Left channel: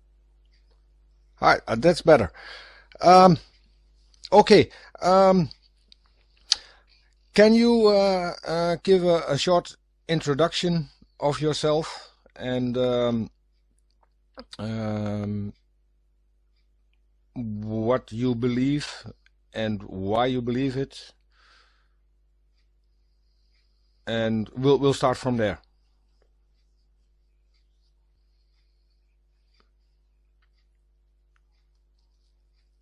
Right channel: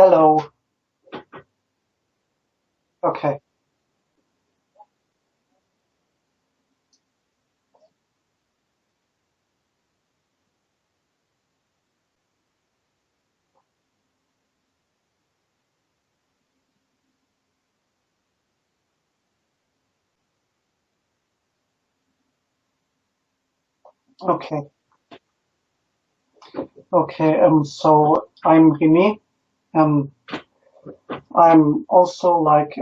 Hello. Hi, that's better. Okay. Um, okay. Um, can you give a short introduction of yourself and um, what you believe and why you believe it? And Okay. we'll start from there. Okay. So I'm Rene. Um, I'm also like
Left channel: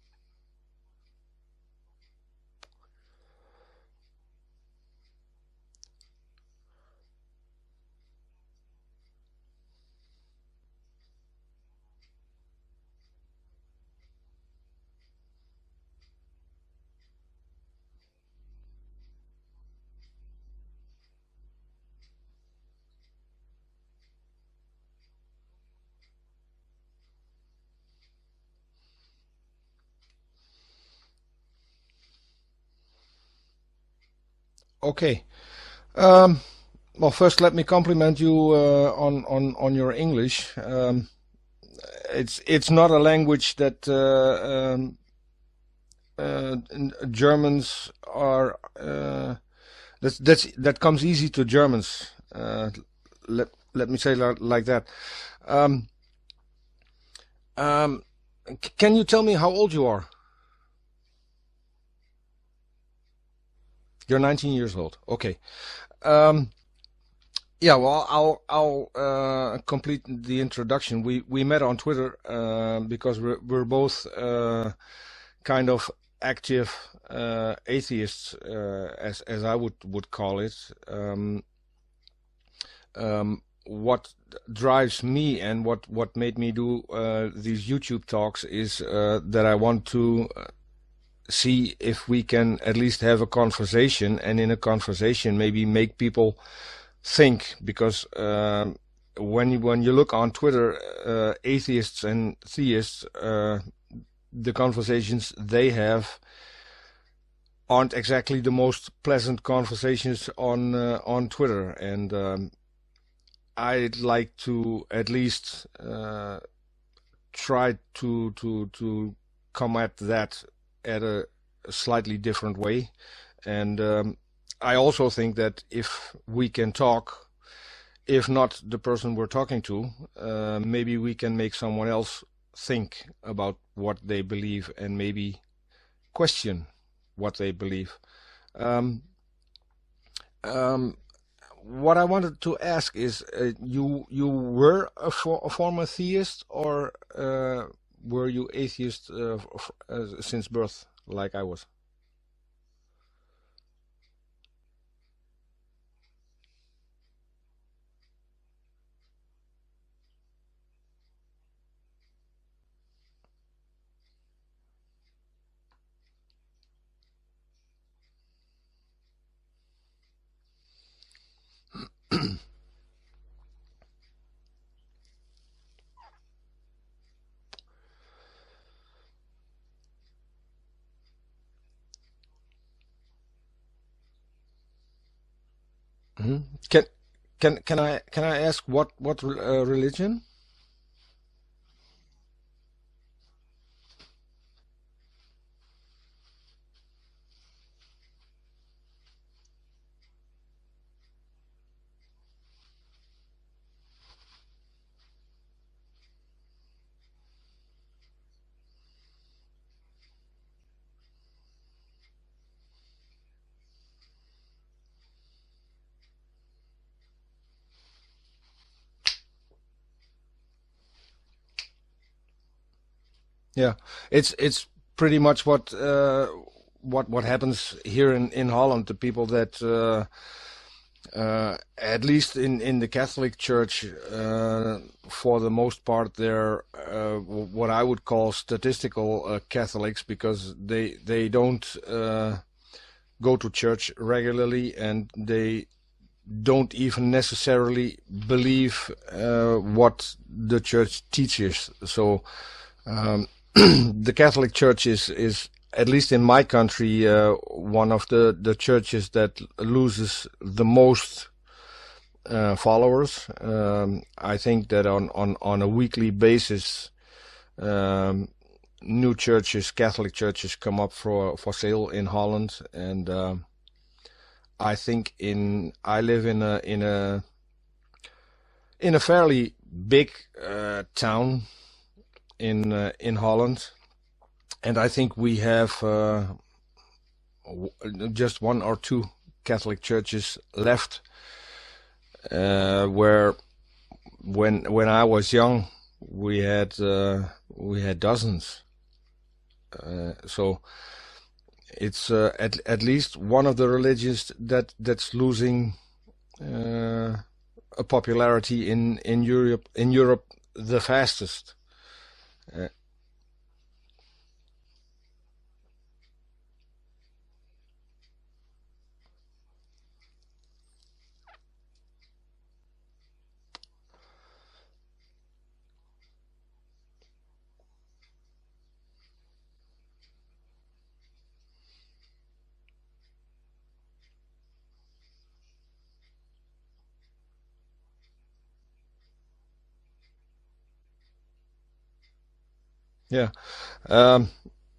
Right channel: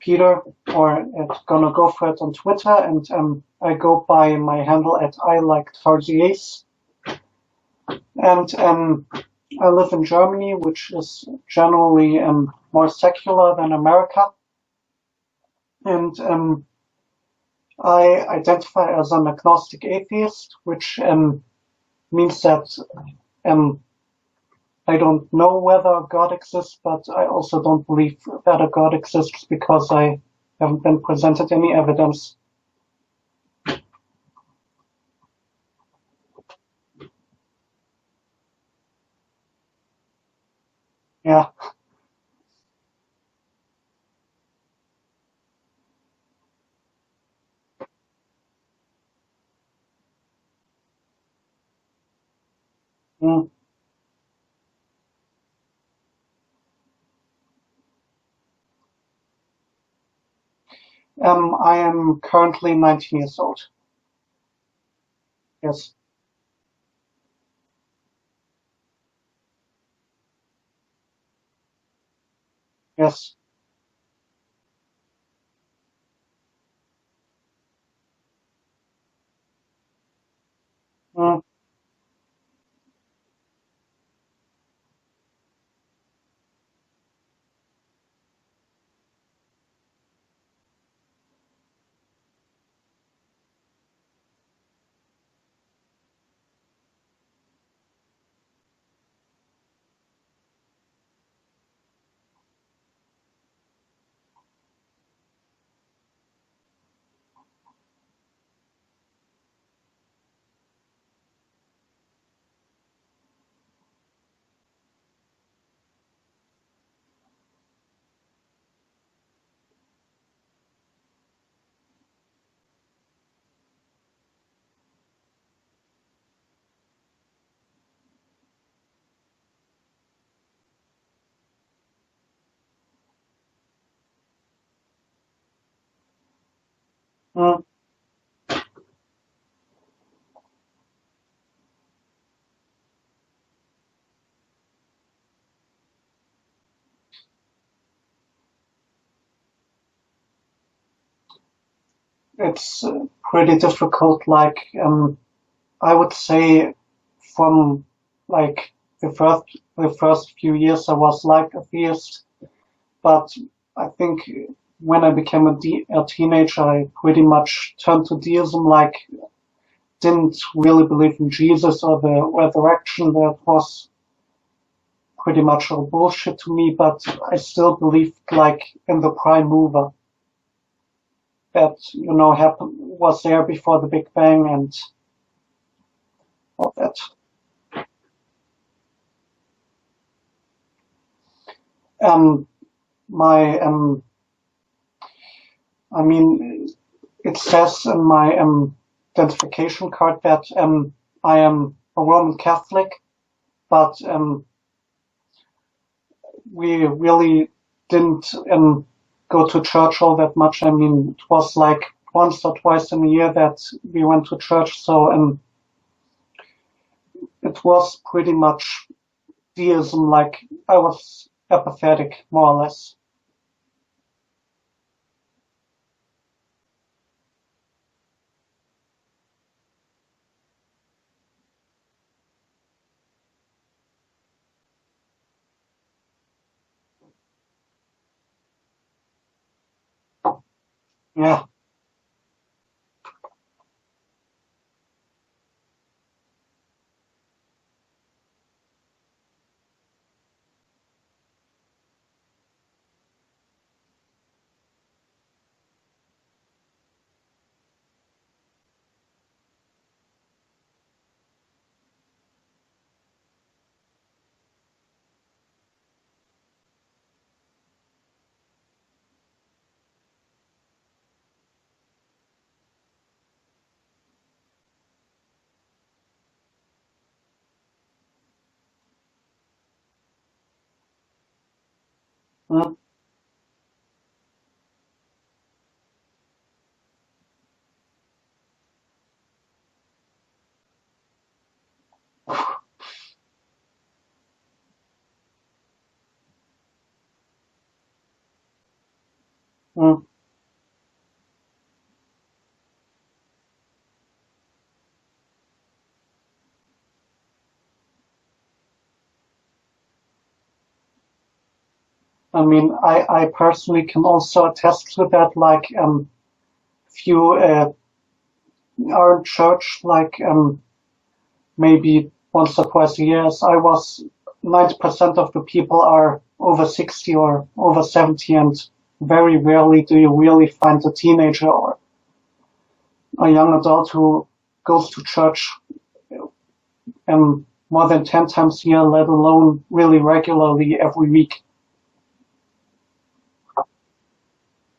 Peter or at GonnaGoForIt on Twitter, and I go by my handle at I like RGAs. And I live in Germany, which is generally more secular than America. And I identify as an agnostic atheist, which means that um, I don't know whether God exists, but I also don't believe that a God exists because I haven't been presented any evidence. Okay. Um, well, first let me compliment you on your English. Yeah. It's not a language that Germans are. That comes easy to Germans. Mm. Let me say like that. Um, um, can you tell me how old you are? I am currently 19 years old. You're 19 years old. Okay. Yes. Um, yeah. Well, I'll complete the introduction. We met on Twitter because Yes. we're both kind of active atheists, as I would call it. Mm. What drives me and what made me do these YouTube talks is that I want to see if we can at least have a conversation, and in a conversation maybe make people think, because when you look on Twitter, atheists and theists, the conversations they have aren't exactly the most pleasant conversations on Twitter, and I'd like to at least try to come at that at a slightly different way. And I also think that if we can talk, if not the person we're talking to, maybe we can make someone else think about what they believe and maybe question what they Mm. believe. Um, um, what I wanted to ask is, you were a former theist, or were you atheist since birth, like I was? It's pretty difficult. Like, I would say from like the first few years I was like a theist, but I think when I became a teenager, I pretty much turned to deism. Like, didn't really believe in Jesus or the resurrection. That was pretty much all bullshit to me. But I still believed like in the prime mover that happened was there before the Big Bang and Hmm. all Can that. can I ask what religion? Um, my I mean, it says in my identification card that I am a Roman Catholic, but we really didn't go to church all that much. I mean, it was like once or twice in a year that we went to church, so it was pretty much deism. Like, I was apathetic, more or less. Yeah, it's pretty much what happens here in Holland. The people that at least in the Catholic Church, for the most part, they're what I would call statistical Catholics, because they Yeah. don't go to church regularly, and they don't even necessarily believe what the church teaches. So the Catholic Church is at least in my country one of the churches that loses the most followers. I think that on a weekly basis, new churches, Catholic churches, come up for sale in Holland, and I think I live in a fairly big town in Holland, and I think we have just one or two Catholic churches left, where when I was young we had dozens. So it's at least one of the religions that's losing a popularity in Europe the fastest. I mean, I personally can also attest to that. Like, if you are in church, like maybe once or twice a year, as I was, 90% of the people are over 60 or over 70, and very rarely do you really find a teenager or a young adult who goes to church more than 10 times a year, let alone really regularly every week. Yeah.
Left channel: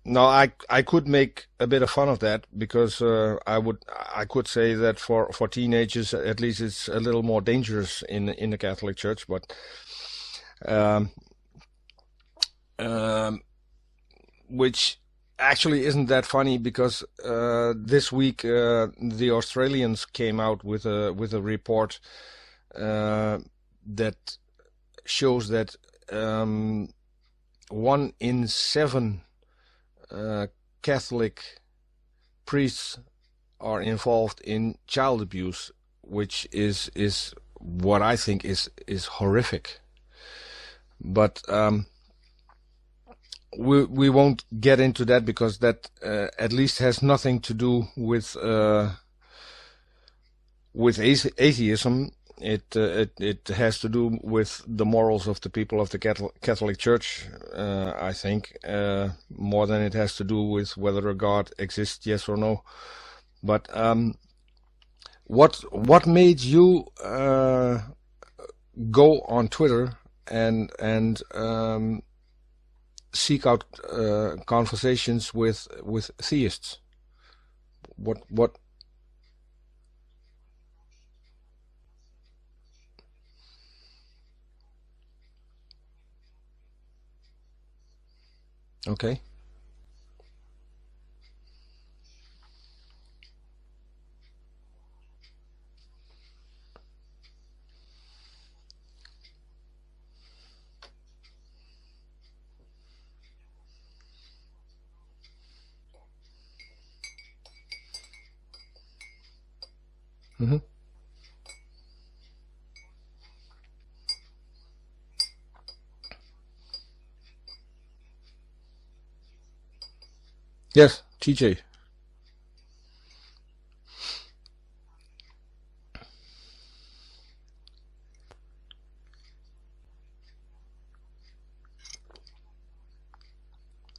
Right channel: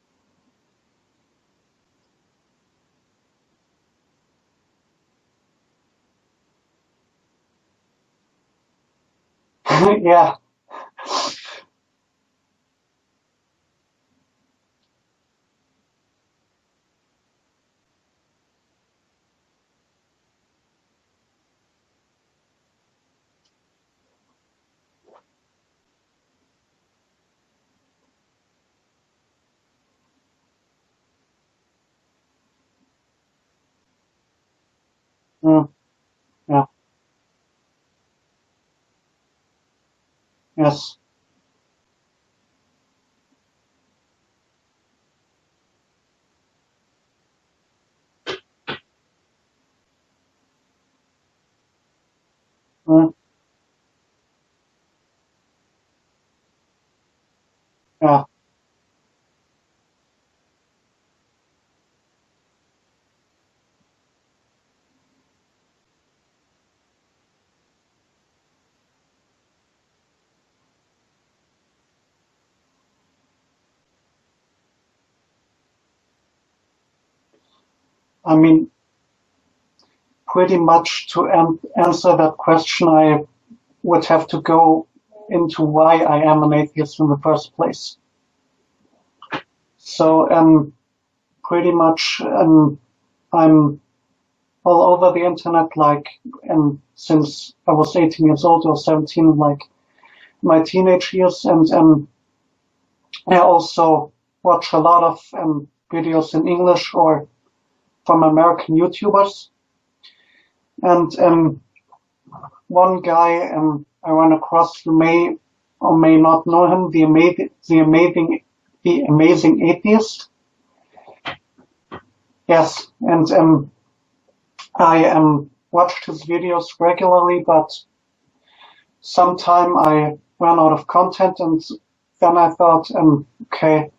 No, I could make a bit of fun of that, because I could say that for teenagers at least it's a little more dangerous in the Catholic Church, but Yeah. Which actually isn't that funny, because this week the Australians came out with a report that shows that 1 in 7 Catholic priests are involved in child abuse, which is what I think is horrific. Yes. But we won't get into that, because that at least has nothing to do with atheism. It has to do with the morals of the people of the Catholic Church, I think, more than it has to do with whether a God exists, yes or no. But what made you go on Twitter and seek out conversations with theists? I mean, pretty much to answer that question, I would have to go into why I am an atheist in the first place. Okay. So, pretty much, I'm all over the internet, like, since I was 18 years old or 17, like my teenage years, and I also watch a lot of videos in English or from American YouTubers. Mm-hmm. And one guy I ran across, you may or may not know him, the amazing atheist. Yes, TJ. Yes, and I watched his videos regularly, but sometime I ran out of content, and then I thought, okay,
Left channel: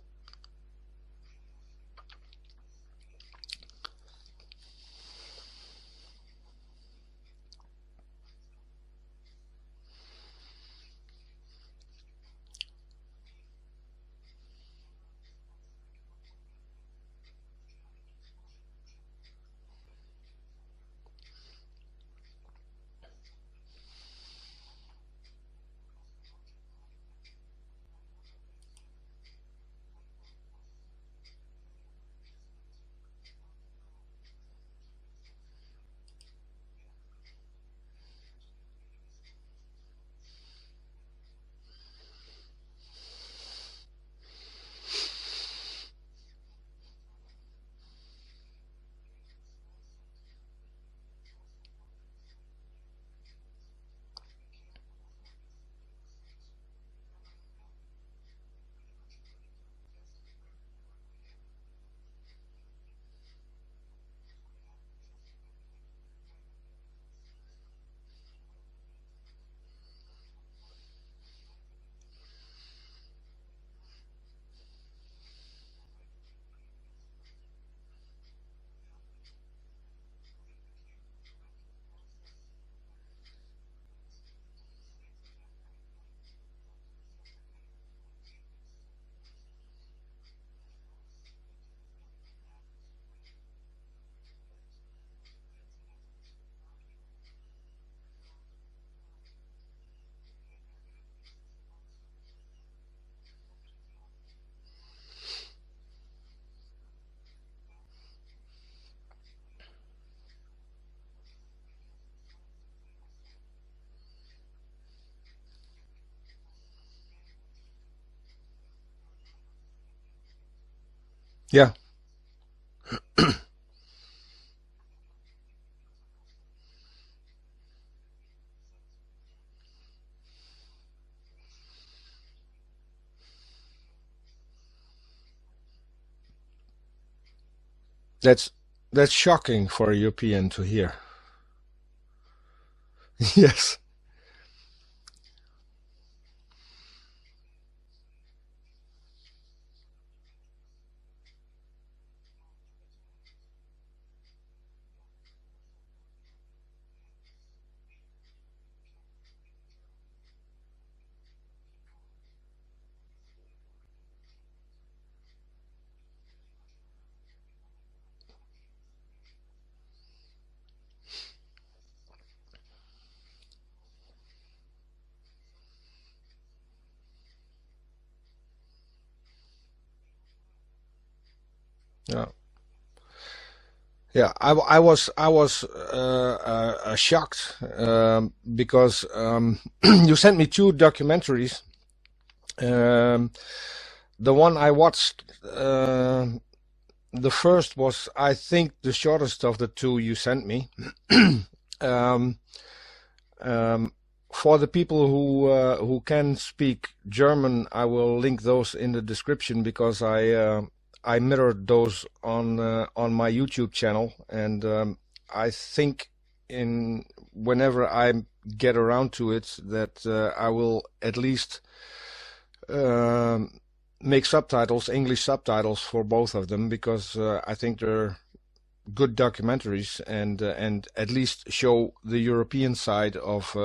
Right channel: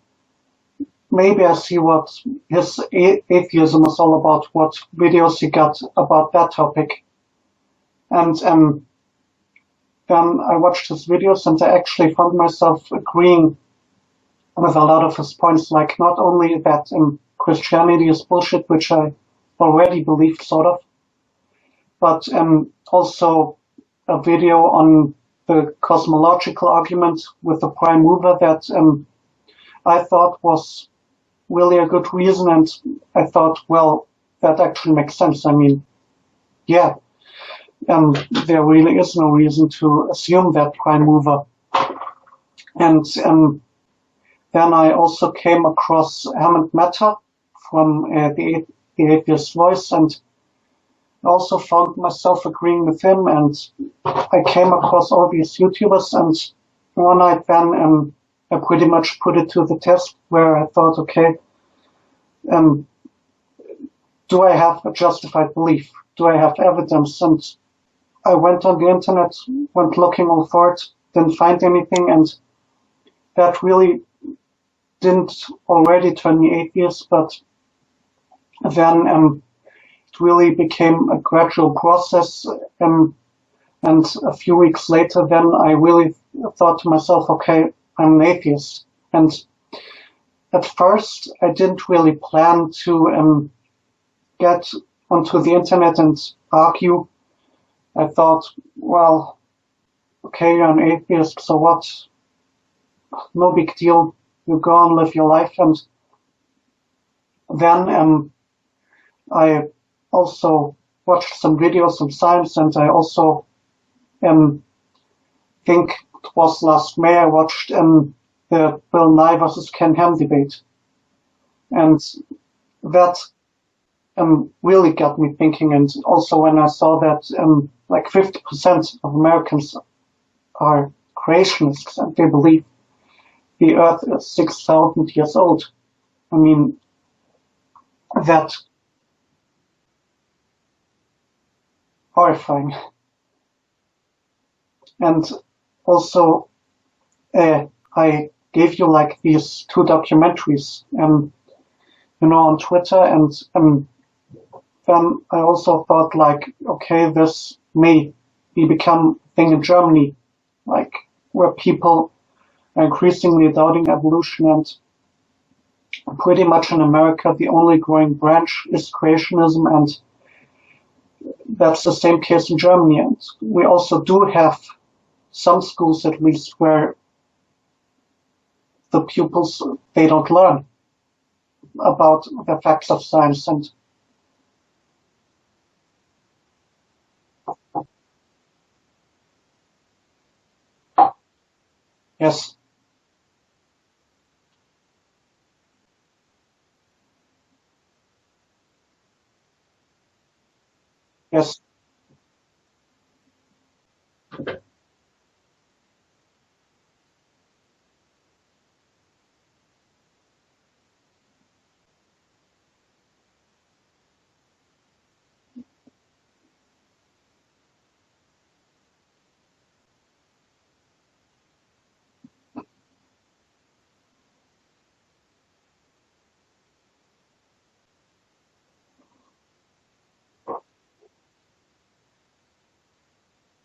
maybe I see what his atheism is all about, what videos he got about that topic. And then I watched his videos, and I actually found myself agreeing with a lot of his points, like not only that Christianity is bullshit, which I already believed sort of, but also a video on the cosmological argument with the prime mover that I thought was really a good reason, and I thought, well, that actually makes sense. I mean, yeah, there really is no reason to assume that prime mover. And then I also came across Hammond Matter from the Atheist Voice, and also found myself agreeing with him, and I came across all these YouTubers, and one night then I pretty much put it to the test, where I thought, okay, do I have a justified belief? Do I have evidence? And I went on the internet, went looking all for it, didn't find anything, and that really didn't already turn me atheist, but then it really became a gradual process. And a few weeks later, then I really thought to myself, okay, I'm an atheist. And at first, I didn't really plan to get onto the internet and argue. I thought, well, okay, you're an atheist, so what? No big deal. You go on, live your life. And then I also watched some videos on science, and I also think it was last May I watched the Bill Nye versus Ken Ham debate. Yeah. And that really got me thinking. And also when I saw that like 50% of Americans are creationists and they believe the Earth is 6,000 years old. I mean, that's shocking for a European to hear. Horrifying. Yes. And also, I gave you like these two documentaries, on Twitter, and then I also thought like, okay, this may become a thing in Germany, like where people are increasingly doubting evolution, and pretty much in America the only growing branch is creationism, and that's the same case in Germany. And we also do have some schools, at least, where the pupils, they don't learn about the facts of science. And yeah, I was shocked because you sent me two documentaries. yes, the one I watched, the first was, I think, the shortest of the two you sent me. yes, for the people who can speak German, I will link those in the description, because I mirrored those on my YouTube channel, and I think whenever I get around to it, that I will at least make subtitles, English subtitles for both of them, because I think they're good documentaries, and at least show the European side of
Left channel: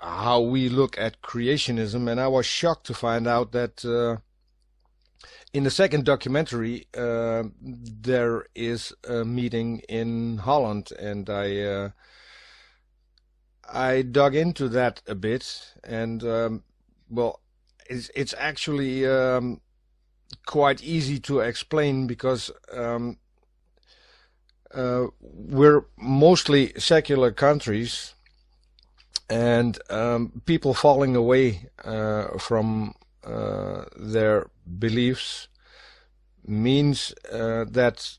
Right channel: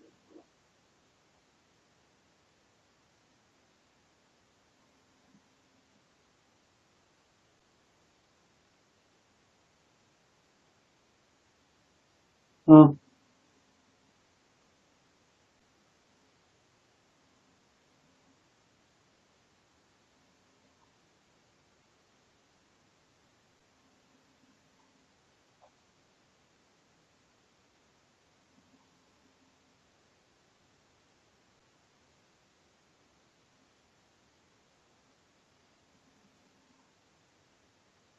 how we look at creationism. And I was shocked to find out that in the second documentary there is a meeting in Holland, and I dug into that a bit, and well, it's actually quite easy to explain, because we're mostly secular countries, and people falling away from their beliefs means that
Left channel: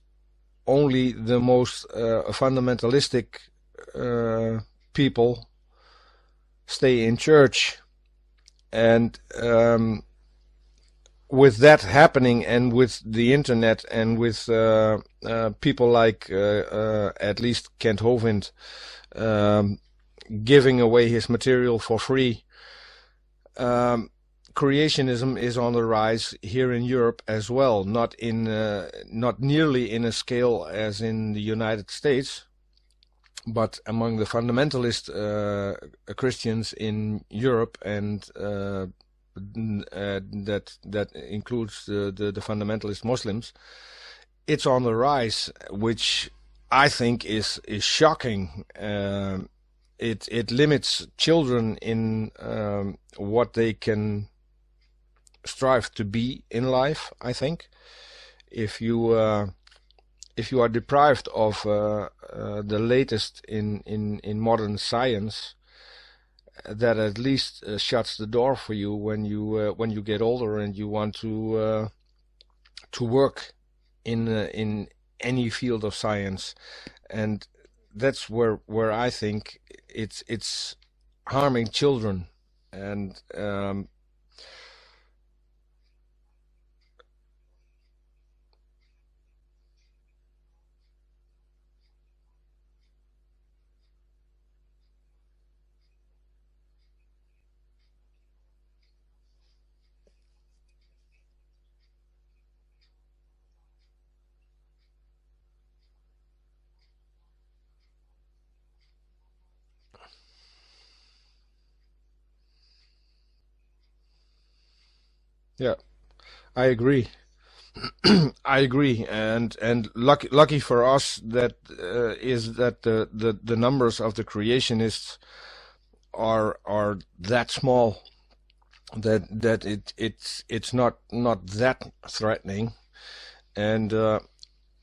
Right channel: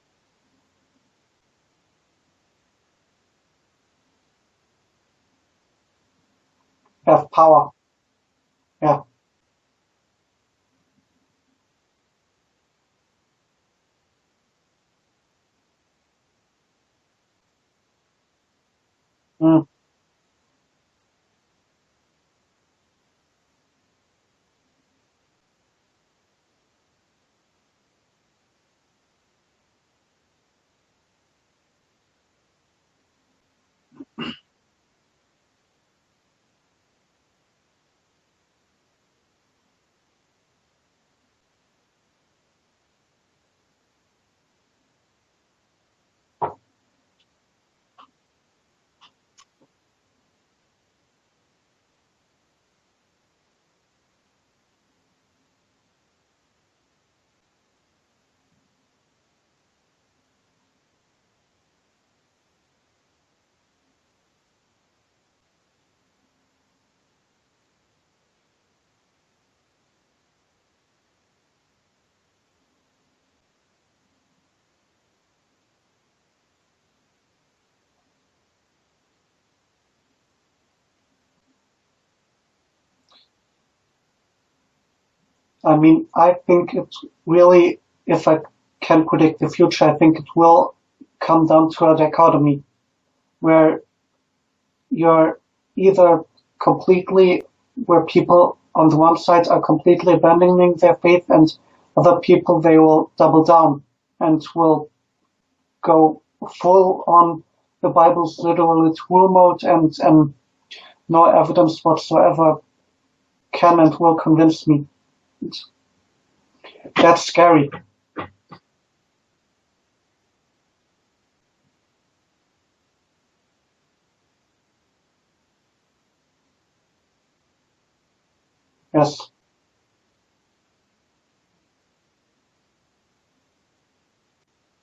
only the most fundamentalistic people stay in church. And with that happening, and with the internet, and with people like at least Kent Hovind giving away his material for free, creationism is on the rise here in Europe as well. Not nearly in a scale as in the United States, but among the fundamentalist Christians in Europe, and that includes the fundamentalist Muslims, it's on the rise, which I think is shocking. It limits children in what they can strive to be in life. I think if you are deprived of the latest in modern science, that at least shuts the door for you when you get older and you want to work in any field of science. And that's where I think it's harming children. And I mean, I think it's really, if I can predict the future, I think it will come down to a dichotomy where you're either completely, where people on the one side are completely abandoning their faith, and other people, they will double down and will go full on the Bible's literally true mode, and no evidence whatsoever can and will convince me. Yeah, I agree. That's scary. I agree, and lucky for us that is that the numbers of the creationists are that small that Yes. it's not that threatening, and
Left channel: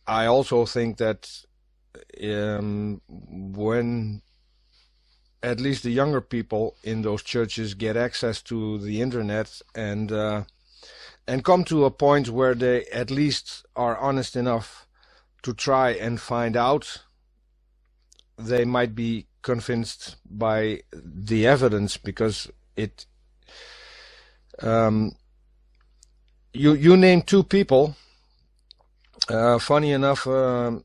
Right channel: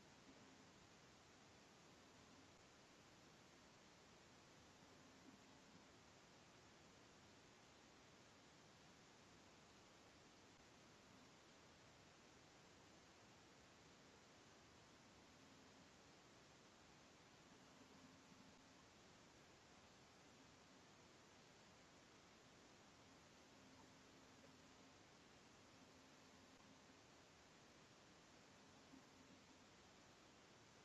I also think that when at least the younger people in those churches get access to the internet and come to a point where they at least are honest enough to try and find out, they might be convinced by the evidence, because it you name two people. Funny enough, the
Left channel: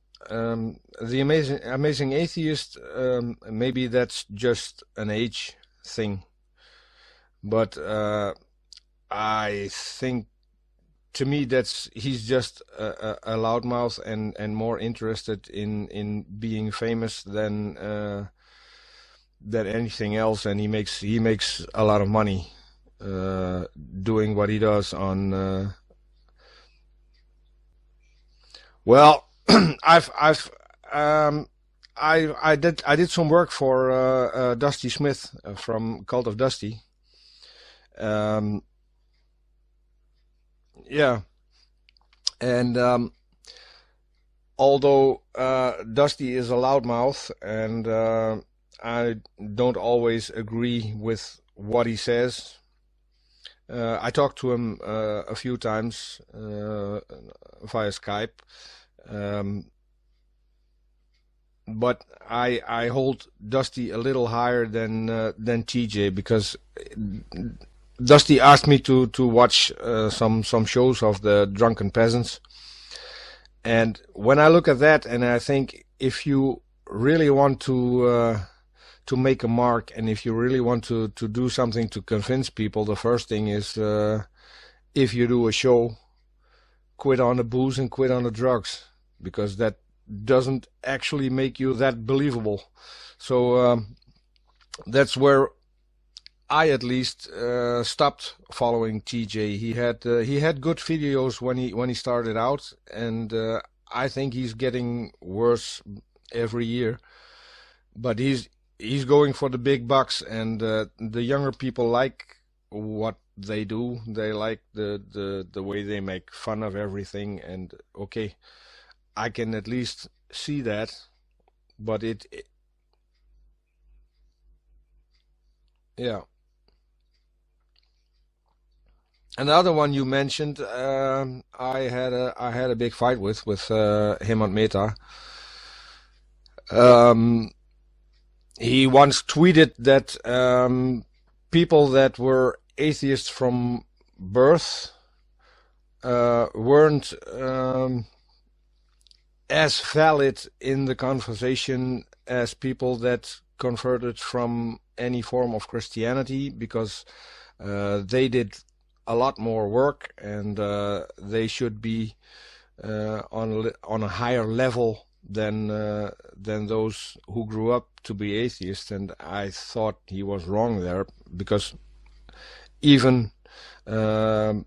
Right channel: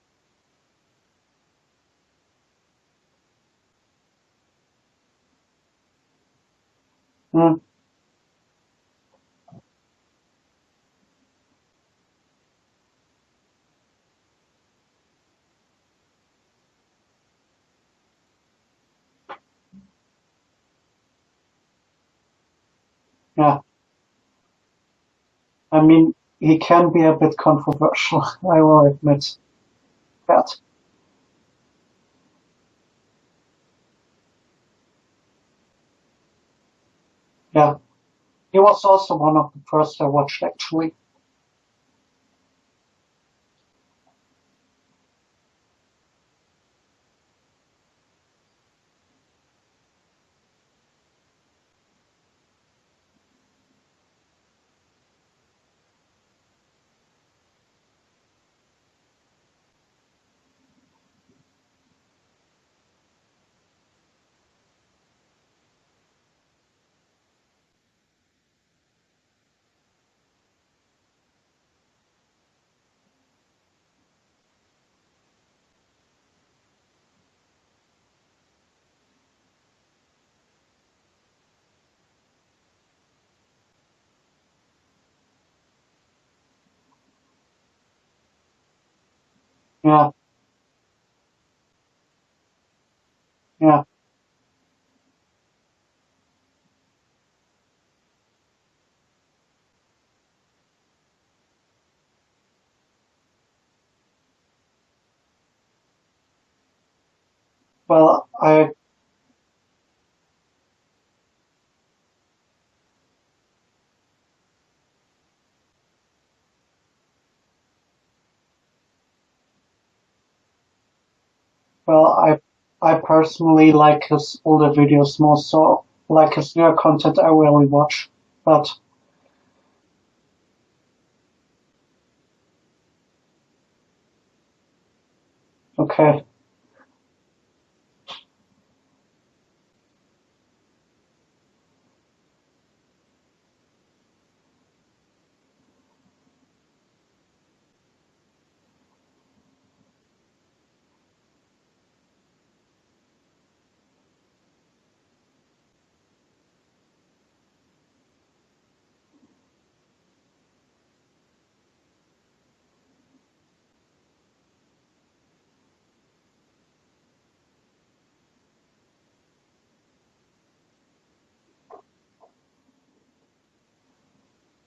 amazing atheist. Maybe that's just an age thing, Mm. but I think to me that's he's just a loudmouth and more interested in being famous than anything else, and he makes a lot of money Yeah. doing what he does on. I mean, he can be a bit controversial, I will Well, admit. I've But um, I did some work for Dusty Smith from Cult of Dusty. yeah, he Um, was also one of the first I watched, actually. yeah, and although Dusty is a loudmouth, and I don't always agree with what he says. I talked to him a few times via Skype, um, but I hold Dusty a little higher than TJ, because Dusty asked me to watch some shows of the drunken peasants, and when I look at that, and I think if you really want to make a mark, and if you really want to do something to convince people, the first thing is if you do a show, quit on the booze and quit on the drugs, because that Yeah, doesn't actually make you that believable. So yeah. that's where I at least stopped following TJ. He had good videos when he started out, and I think he's getting worse every year. But Well, I he's going for the big bucks, and the younger people like what they do. They like the way they make fun of everything, and okay, I can at least see that. But well, I personally like his older videos more, so yeah. like his newer content I rarely watch. But Another one you mentioned, I had a big fight with him on Meta. okay, Um, he once tweeted that people that were atheists from birth weren't as valid in the conversation as people that converted from any form of Christianity, because they did a lot more work, and they should be on a higher level than those who grew up to be atheists. And I thought he was wrong there, because even um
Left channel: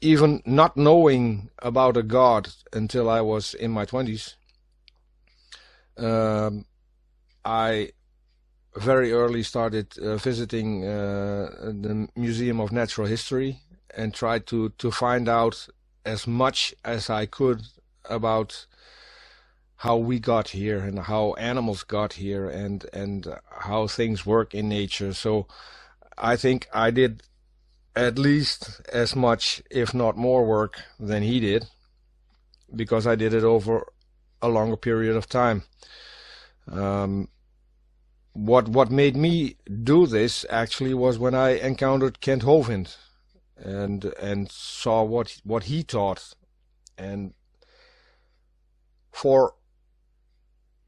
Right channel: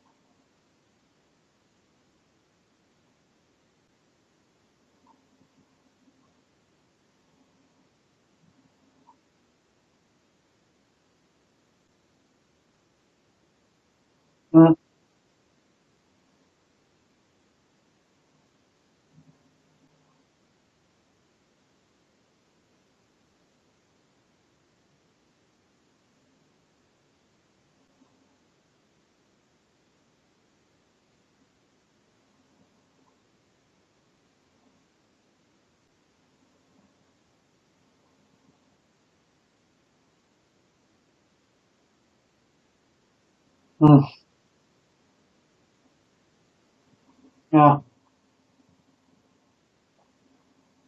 even not knowing about a God until I was in my 20s, um, I very early started visiting the Museum of Natural History, and tried mm, to find out as much as I could about how we got here, and how animals got here, and how things work in nature. So I think I did at least as much, if not more work than he did, because I did it over a longer period of time. Um, what made me do this actually was when I encountered Kent Hovind, mm, and saw what he taught, and yeah, for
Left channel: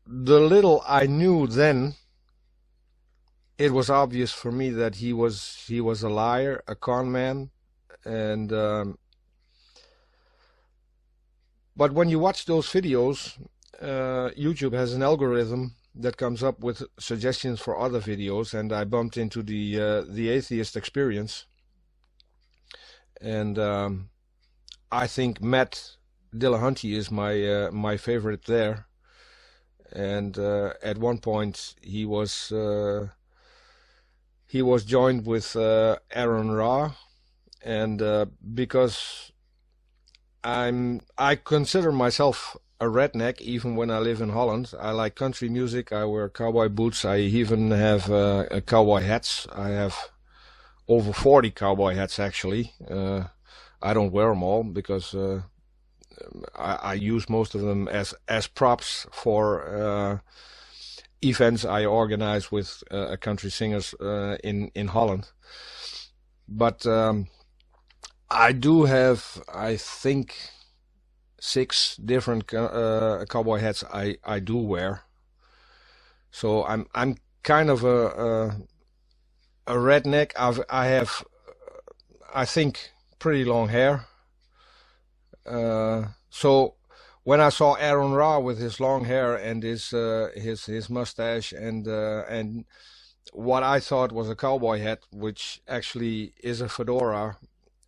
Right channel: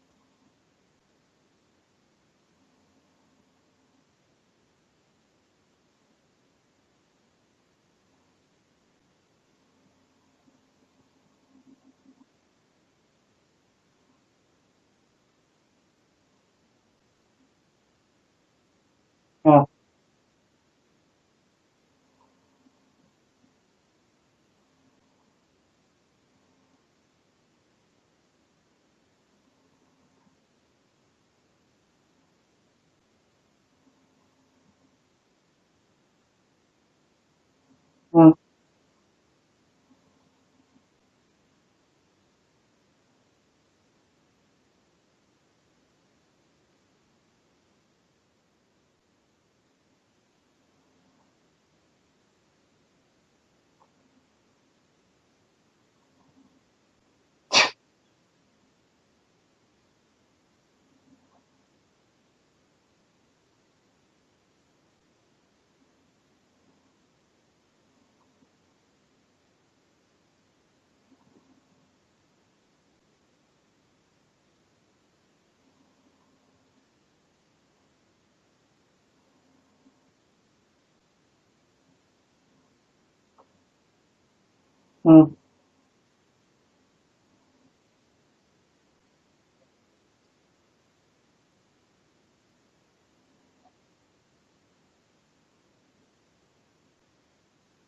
the little I knew then, it was obvious for me that he was a liar, a con man, and but when you watch those videos, YouTube has an algorithm that comes up with suggestions for other videos, and I bumped into Yeah. the atheist experience, and I think Matt Dillahunty is my favorite there. And at one point he was joined with Aaron Ra, and Mm. because I consider myself a redneck even when I live in Holland. I like country music. I wear cowboy boots. I even have cowboy hats. I have over 40 cowboy hats actually. I don't wear them all because I use most of them as props for events I organize with country singers in Holland. But I do have, I think, 6 different cowboy hats I do wear. So I'm kind of a redneck. I have, I think, pretty long hair. Mm. So when I saw Aaron Ra with his long hair and his mustache and what I thought was a cowboy hat, which actually is a fedora,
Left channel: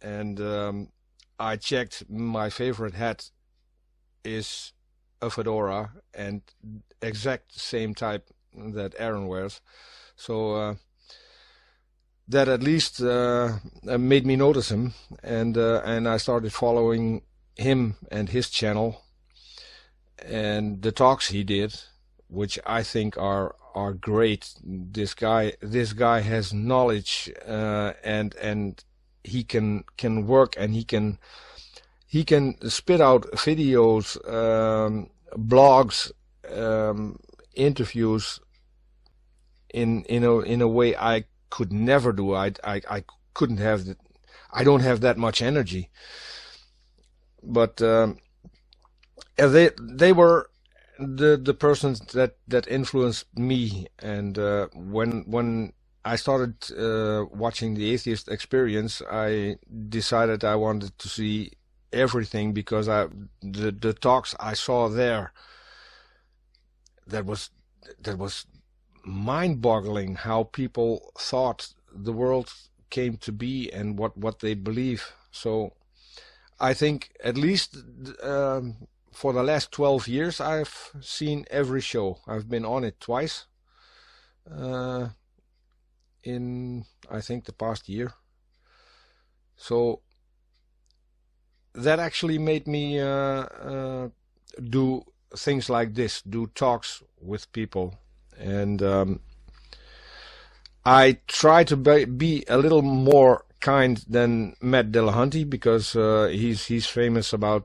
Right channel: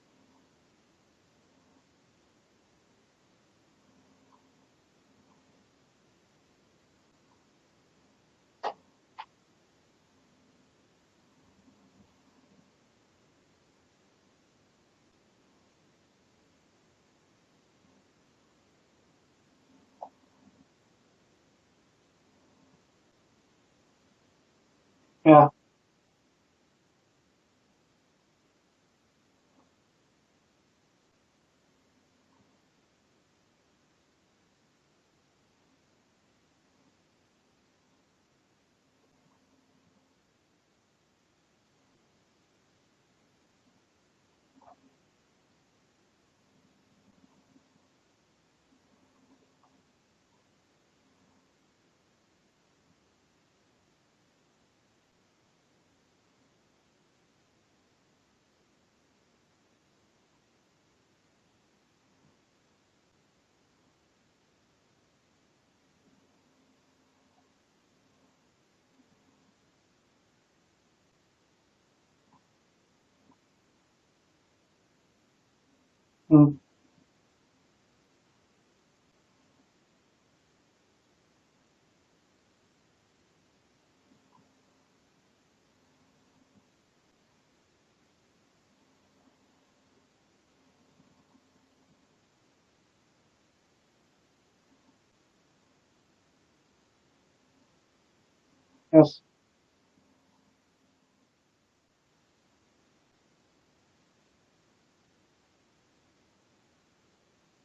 and I checked, my favorite hat is a fedora and exact same type that Aaron wears. So that at least made me notice him, and I started following him and his channel and the talks he did, which I think are great. Yeah. This guy has knowledge, and he can work, and he can spit out videos, blogs, interviews in a way I could never do. I couldn't have the, I don't have that much energy. But they were the persons that influenced me, and when I started watching the Atheist Experience, I decided I wanted to see everything, because the talks I saw there, that was mind-boggling how people thought the world came to be and what they believe. So Mm. I think at least for the last 12 years I've seen every show. I've been on it twice uh, in, I think, the past year. So that actually made me do things like this, do talks with people. And Yes. I try to be a little more kind than Matt Dillahunty, because he's famous about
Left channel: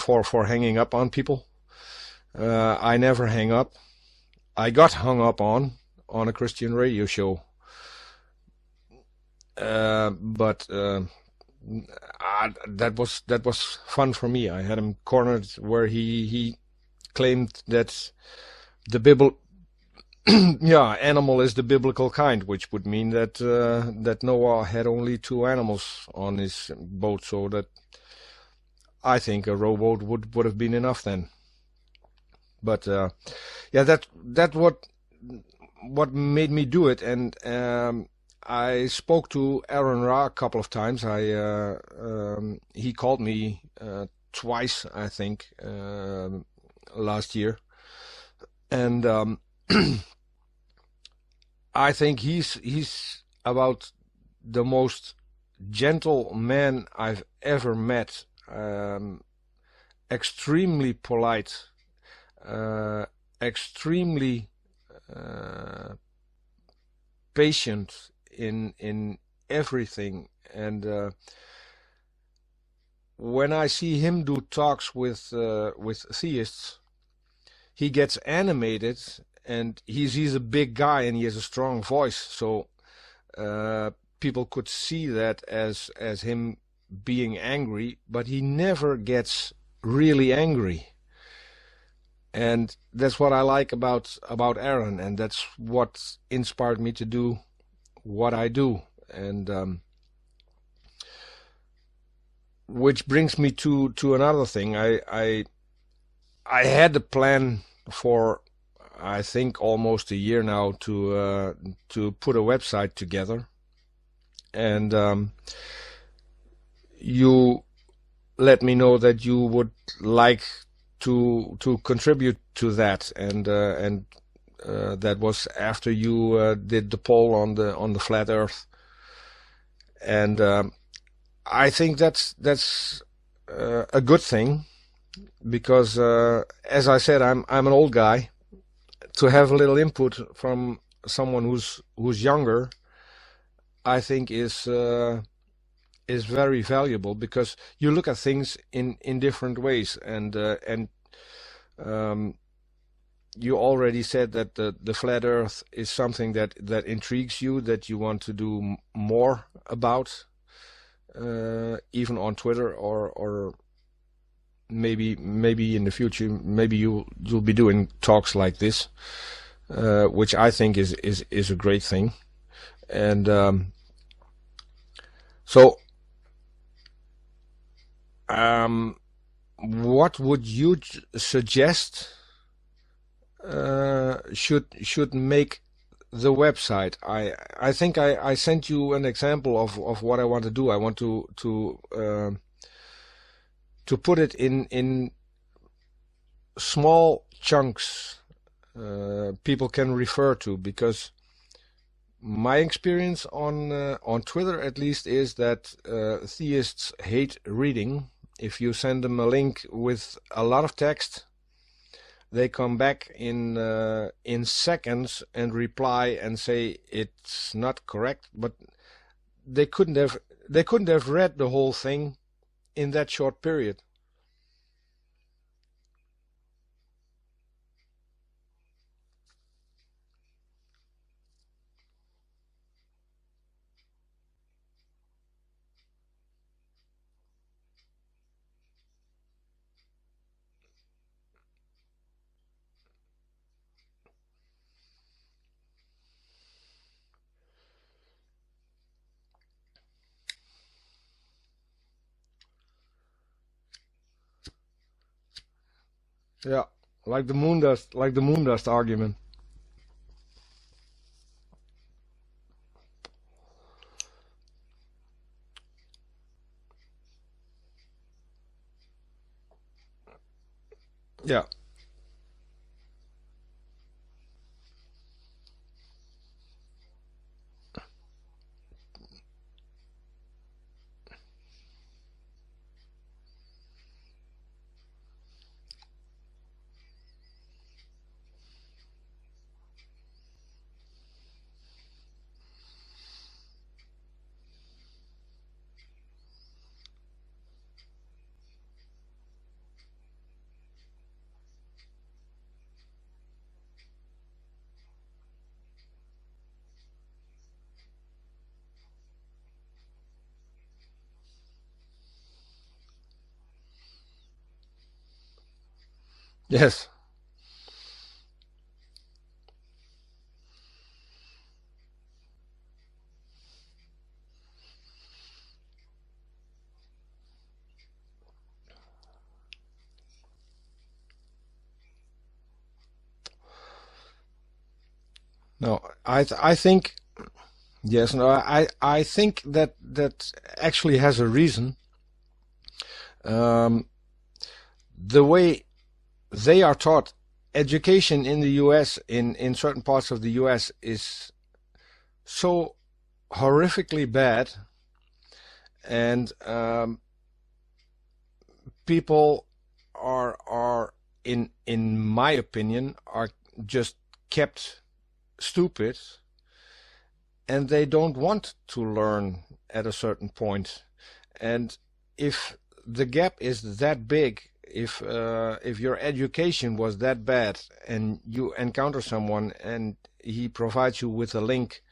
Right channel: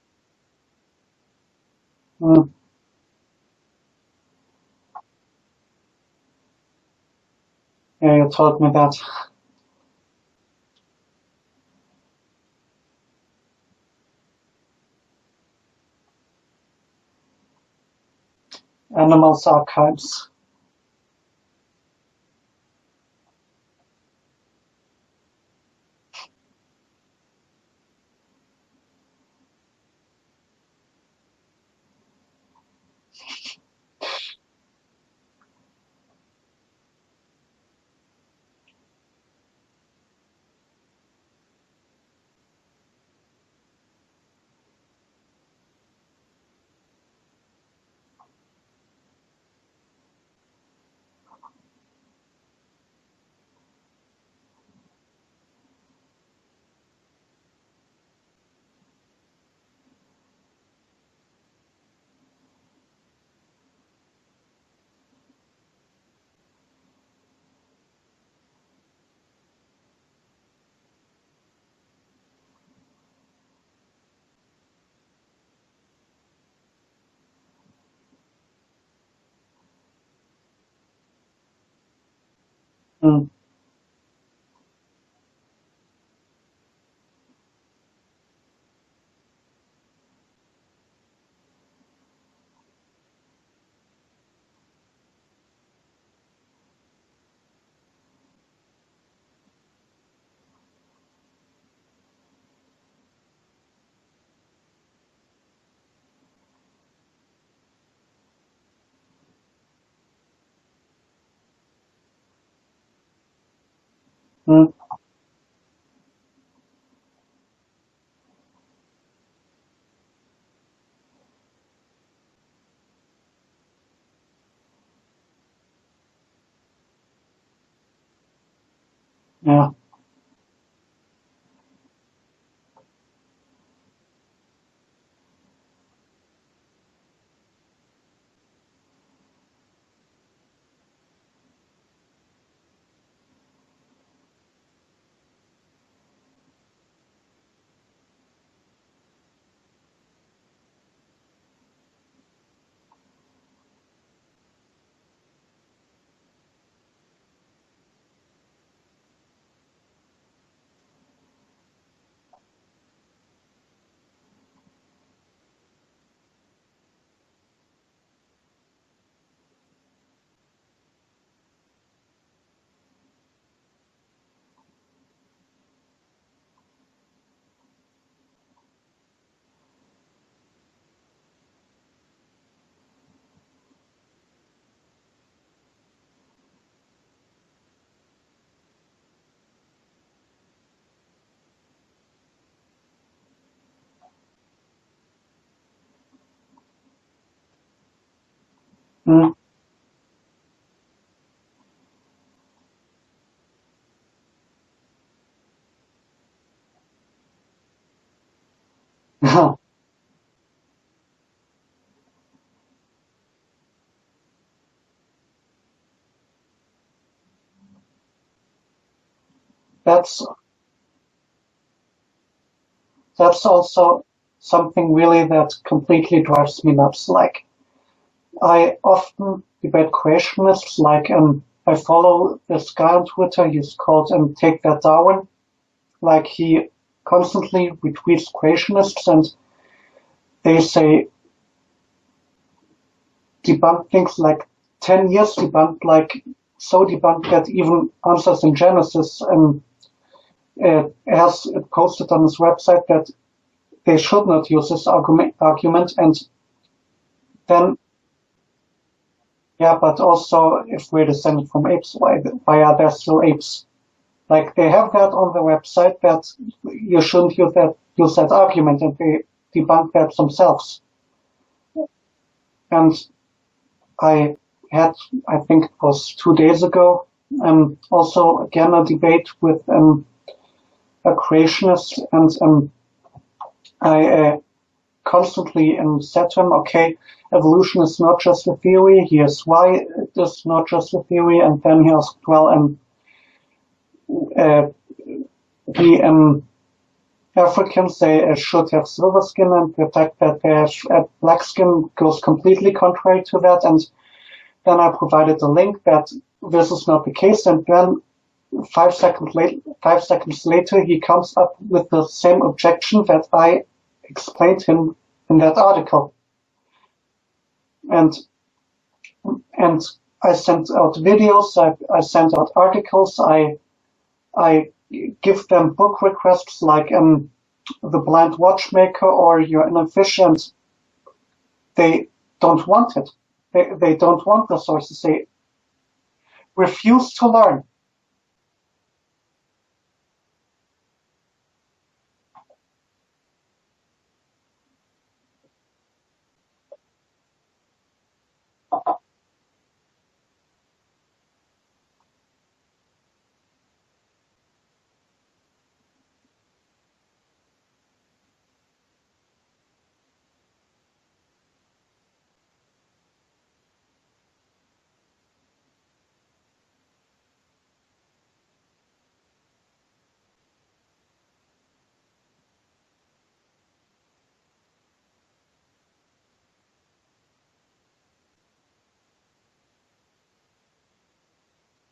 for hanging up on people. Mm. I never hang up. I got hung up on a Christian radio show, Yeah, you told me that. but that was fun for me. I had him cornered where he claimed that the Bible, Animals archives. yeah, animal is the biblical kind, which would mean that that Noah had only 2 animals on his boat, so that I think a rowboat would have been enough then. But yeah, that what made me do it, and I spoke to Aaron Ra a couple of times. He called me twice, I think, last year, and I think he's about the most gentle man I've ever met. Extremely polite, extremely patient in everything, and when I see him do talks with theists, he gets animated, and he's a big guy and he has a strong voice, so Mm. people could see that as him being angry, but he never gets really angry. And that's what I like about Aaron, and that's what inspired me to do what I do. And which brings me to another thing. I had a plan for, I think, almost a year now to put a website together, and you let me know that you would like to contribute to that, and that was after you did the poll on the flat Earth. Yeah. And I think that's a good thing, because as I said, I'm an old guy. To have a little input from someone who's younger, I think is very valuable, because you look at things in different ways, and you already said that the flat Earth is something that intrigues you, that you want to do more about, even on Twitter, or maybe in the future, maybe you'll be doing talks like this, which I think is a great thing. And so what would you suggest should make the website? I think I sent you an example of what I want to do. I want to put it in small chunks people can refer to, because my experience on Twitter, at least, is that theists hate reading. If you send them a link with a lot of text, they come back in seconds and reply and say it's not correct, but they couldn't have read the whole thing in that short period. That's also something really that completely drives me nuts. Like, I often debate Kreationists. Like, I follow this guy on Twitter. He's called Take That Darwin. Like, he constantly retweets Kreationists, and they say debunk things like 10 years debunked, like so debunked that even Answers in Genesis has it posted on his website that they should not use this argument. And yeah, like the moon dust argument. Yeah, but also, if we're descended from apes, why are there still apes? Like, they have that on the website that you shouldn't use that argument, and they debunk that themselves. Yeah. And I had, I think it was 2 days ago, also again a debate with a creationist, and I constantly said to him, okay, evolution is not just a theory. Here's why it is not just a theory. And then he asked, well, the Africans, they should have silver skin, and the fact that they have black skin goes completely contrary to that. And then I provided a link that this is not the case. And then 5 seconds later, he comes up with the same objection that I explained him in that article. Yes. And I sent out videos, I sent out articles, I give them book requests like The Blind Watchmaker or You're Inefficient. They don't want it. They don't want the sources. They refuse to learn. Yes, no, I think that actually has a reason. The way they are taught, education in the US, in certain parts of the US, is so horrifically bad, and people are in my opinion are just kept stupid, and they don't want to learn at a certain point. And if the gap is that big, if your education was that bad, and you encounter someone and he provides you with a link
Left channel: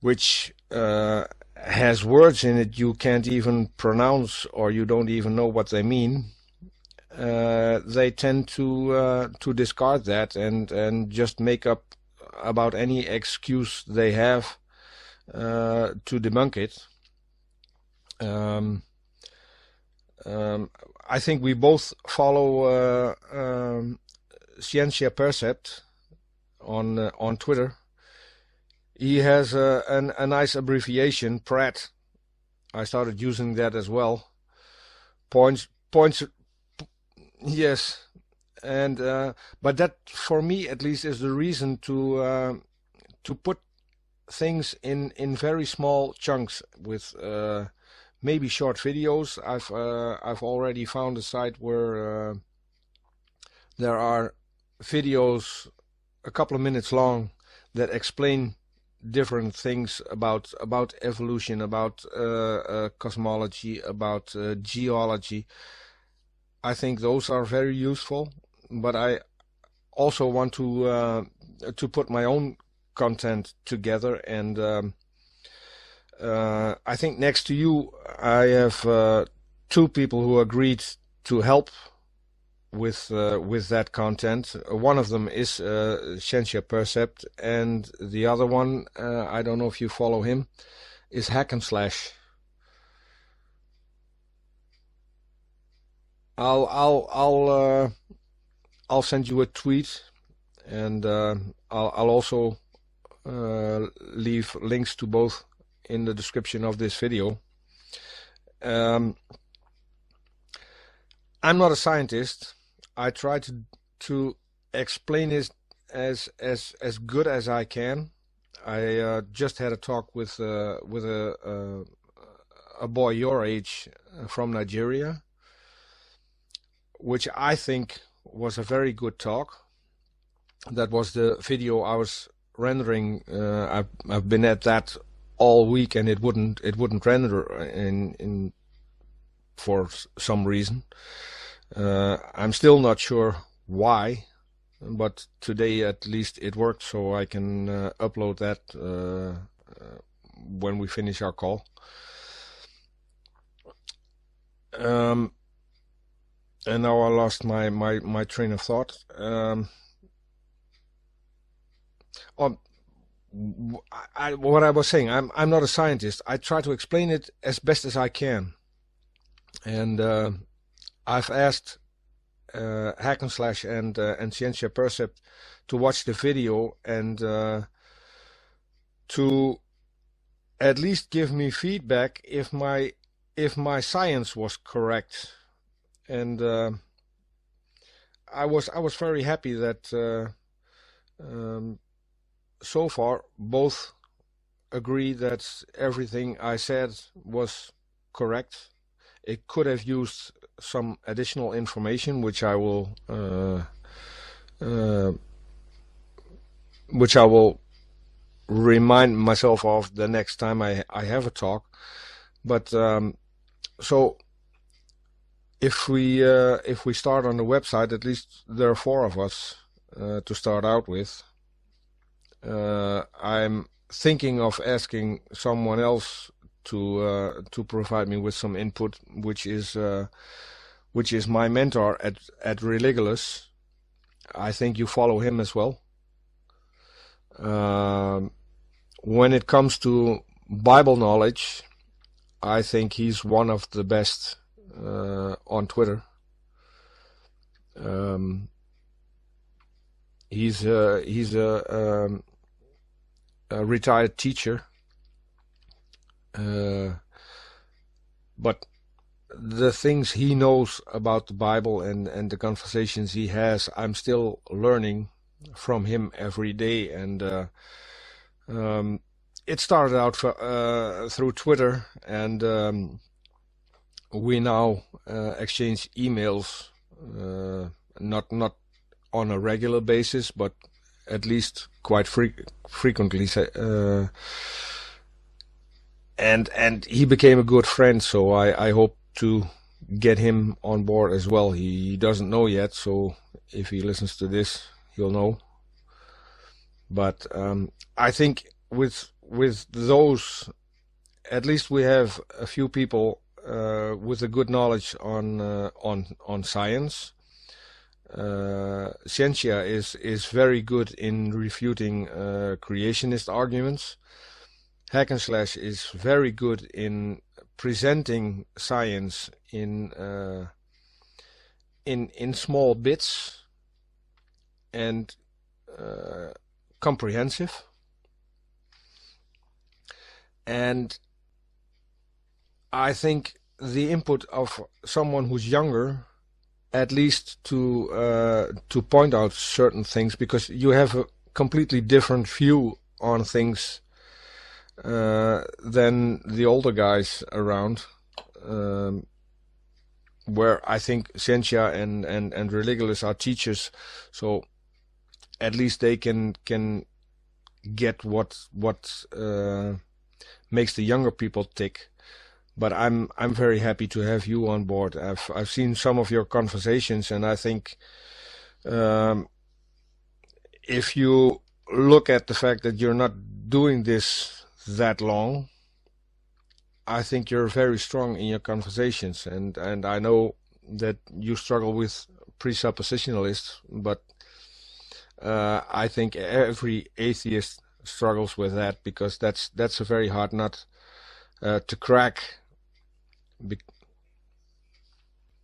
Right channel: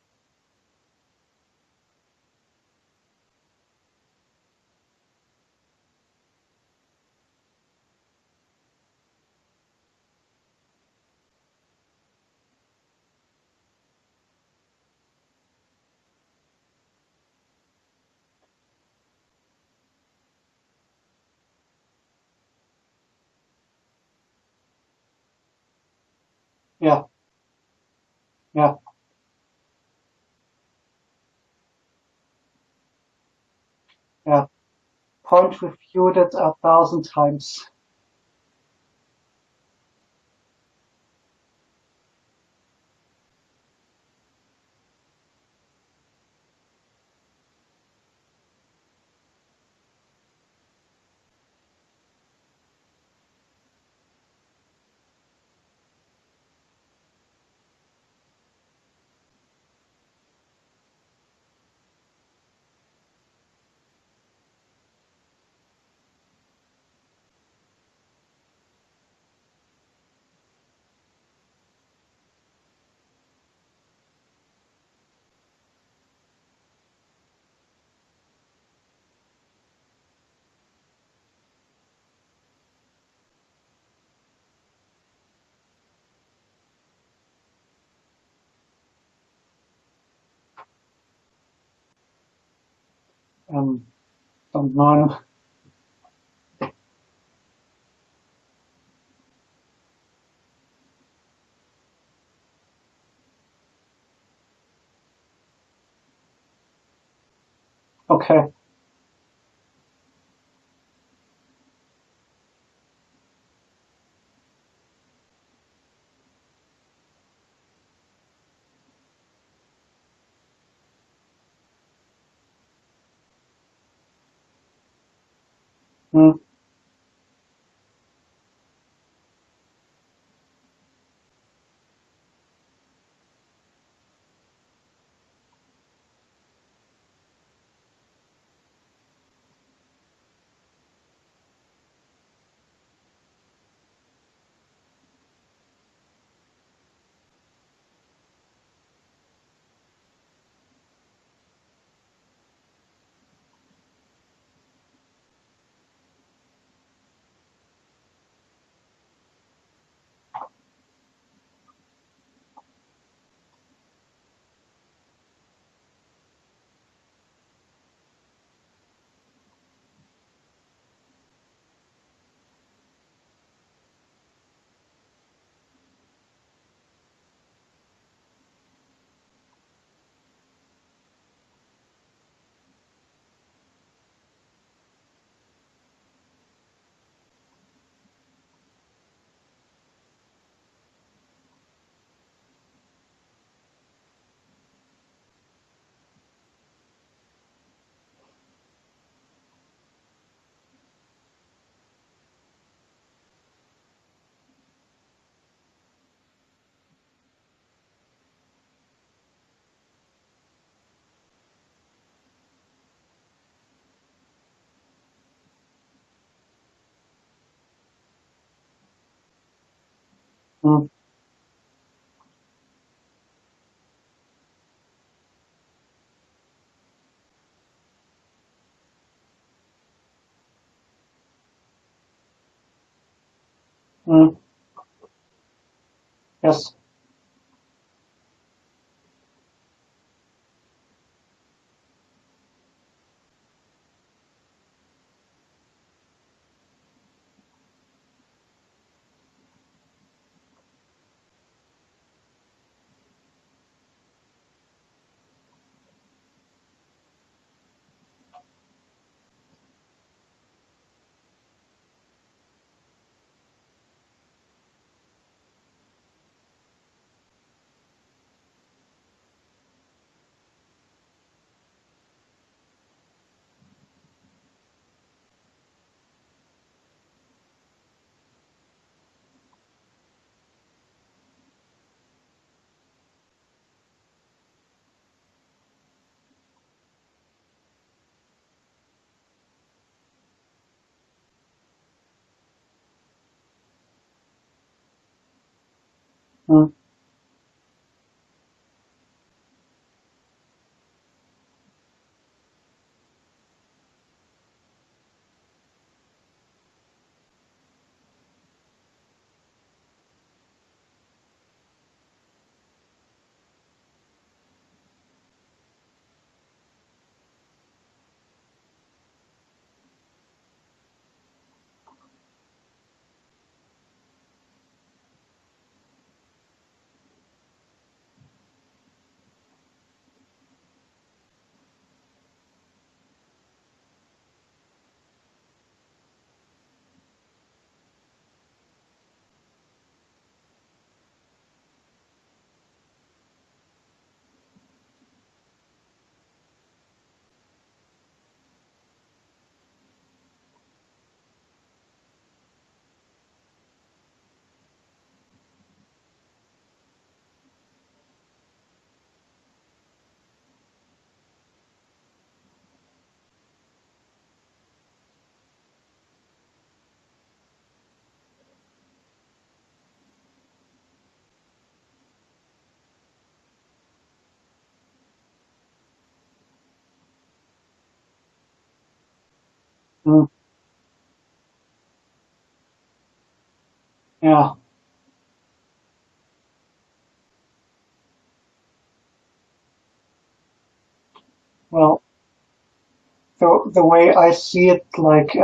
which has words in it you can't even pronounce, or you don't even know what they mean, they tend to discard that and just make up about any excuse they have to debunk it. I think we both follow Scientia Percept on Twitter. Yeah. He has a nice abbreviation, Pratt. I started using that as well. Yeah. Points. Refuted 1,000 times. Yes, and but that, for me at least, is the reason to put things in very small chunks with maybe short videos. I've already found a site where there are videos a couple of minutes long that explain different things about evolution, about cosmology, about geology. I think those are very useful, but I also want to put my own content together, and I think next to you I have two people who agreed to help with that content. One of them is Scientia Percept, and the other one, I don't know if you follow him, is Hack and Slash. Don't know. I'll send you a tweet, and I'll also leave links to both in the description of this video. Okay. I'm not a scientist. I try to explain it as good as I can. I just had a talk with a boy your age from Nigeria, which I think was a very good talk. That was the video I was rendering. I've been at that all week, and it wouldn't render in for some reason. I'm still not sure why, but today at least it worked, so I can upload that when we finish our call. And now I lost my train of thought. What I was saying, I'm not a scientist. I try to explain it as best as I can, and I've asked Hack and Slash and Scientia Percept to watch the video and to at least give me feedback if my science was correct. And I was very happy that so far both agree that everything I said was correct. It could have used some additional information, which I will remind myself of the next time I have a talk. But so if we start on the website, at least there are 4 of us to start out with. I'm thinking of asking someone else to provide me with some input, which is my mentor at Religulous. I think you follow him as well. Yes. When it comes to Bible knowledge, I think he's one of the best on Twitter. He's a retired teacher, but the things he knows about the Bible and the conversations he has, I'm still learning from him every day. And it started out through Twitter, and we now exchange emails, not on a regular basis, but at least quite frequently. And he became a good friend, so I hope to get him on board as well. He doesn't know yet, so if he listens to this, he'll know. But I think with those, at least we have a few people with a good knowledge on science. Scientia is very good in refuting creationist arguments. Hack and Slash is very good in presenting science in in small bits and comprehensive. And I think the input of someone who's younger, at least to point out certain things, because you have a completely different view on things than the older guys around, where I think Sentia and Religulus are teachers, so at least they can get what makes the younger people tick. But I'm very happy to have you on board. I've seen some of your conversations, and I think if you look at the fact that you're not doing this that long, I think you're very strong in your conversations, and I know that you struggle with presuppositionalists, but Yeah. I think every atheist struggles with that, because that's a very hard nut to crack. The way I see it, like,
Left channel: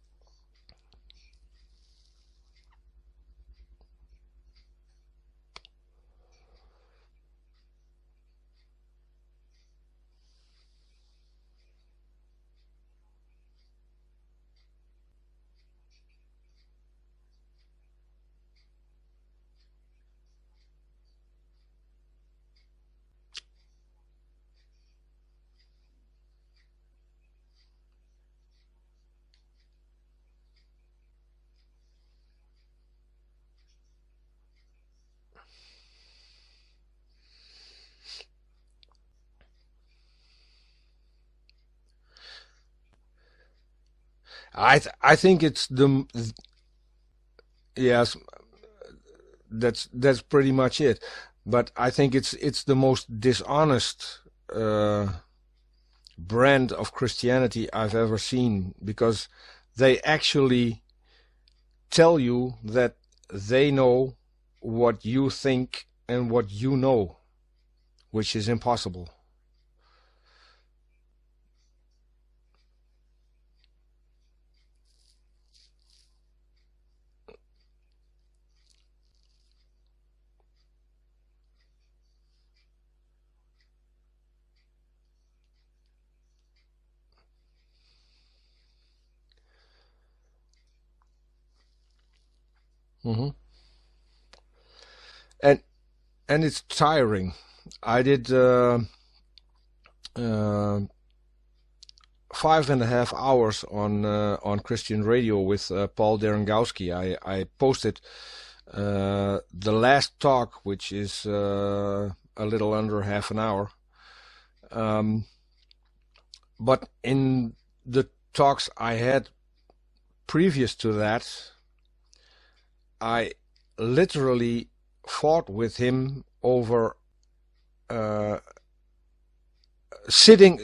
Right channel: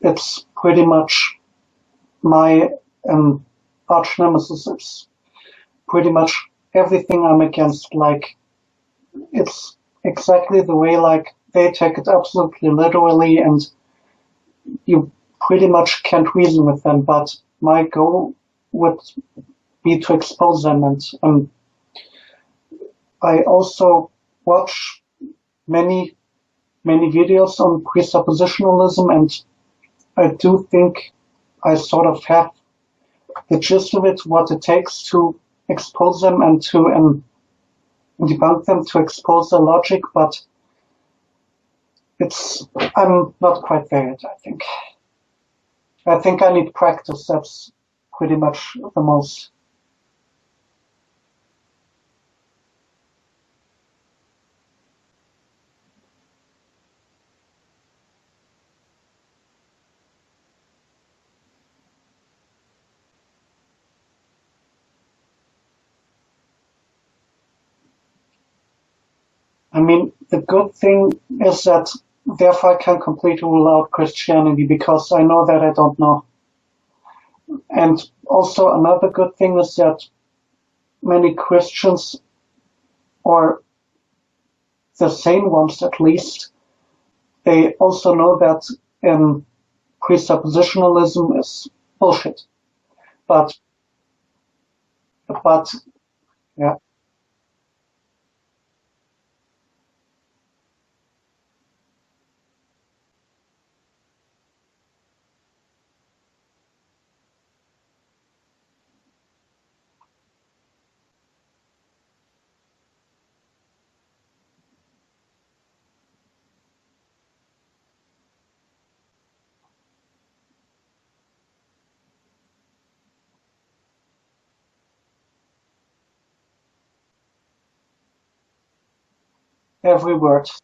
it's pretty much my arch nemesis. It's pretty much everything I'm against. Like, it's exactly the way, like, they take it absolutely literally, and you pretty much can't reason with them. But my goal would be to expose them, and I also watch many videos on presuppositionalism, and I do think I sort of have the gist of it, what it takes to expose them and to debunk them, to expose their logic, but I'm not quite there yet, I think. I think it's I think I need practice. That's pretty much the most. That's pretty much it. But I think it's the most dishonest brand of Christianity I've ever seen, because they actually tell you that they know what you think and what you know, which is impossible. I mean, the good thing is that therefore I can completely rule out Christianity, because I know that I don't know. And also another good thing is that many Christians, or the sane ones at least, they also know that presuppositionalism is bullshit. Mm-hmm. But and it's tiring. I did 5.5 hours on Christian radio with Paul Derengowski. I posted the last talk, which is a little under half an hour. But in the talks I had previous to that, I literally fought with him over sitting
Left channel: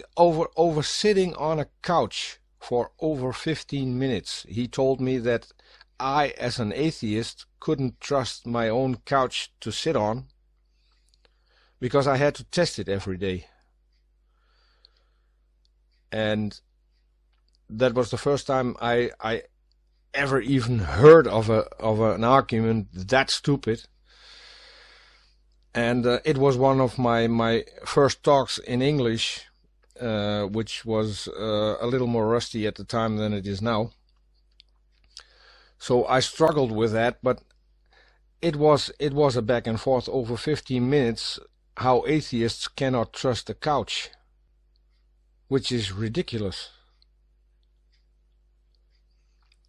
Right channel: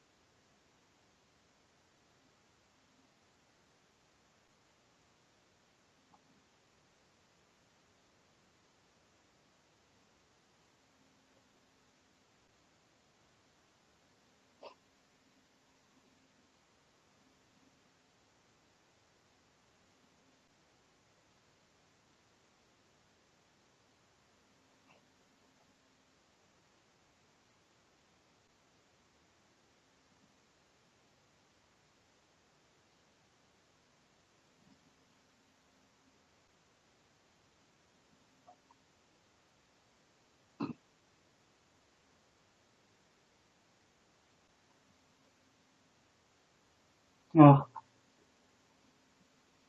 on a couch for over 15 minutes. He told me that I, as an atheist, couldn't trust my own couch to sit on because I had to test it every day. And that was the first time I ever even heard of an argument that stupid. And it was one of my first talks in English, which was a little more rusty at the time than it is now. So I struggled with that, but it was a back and forth over 15 minutes, how atheists cannot trust the couch, which is ridiculous. Yeah.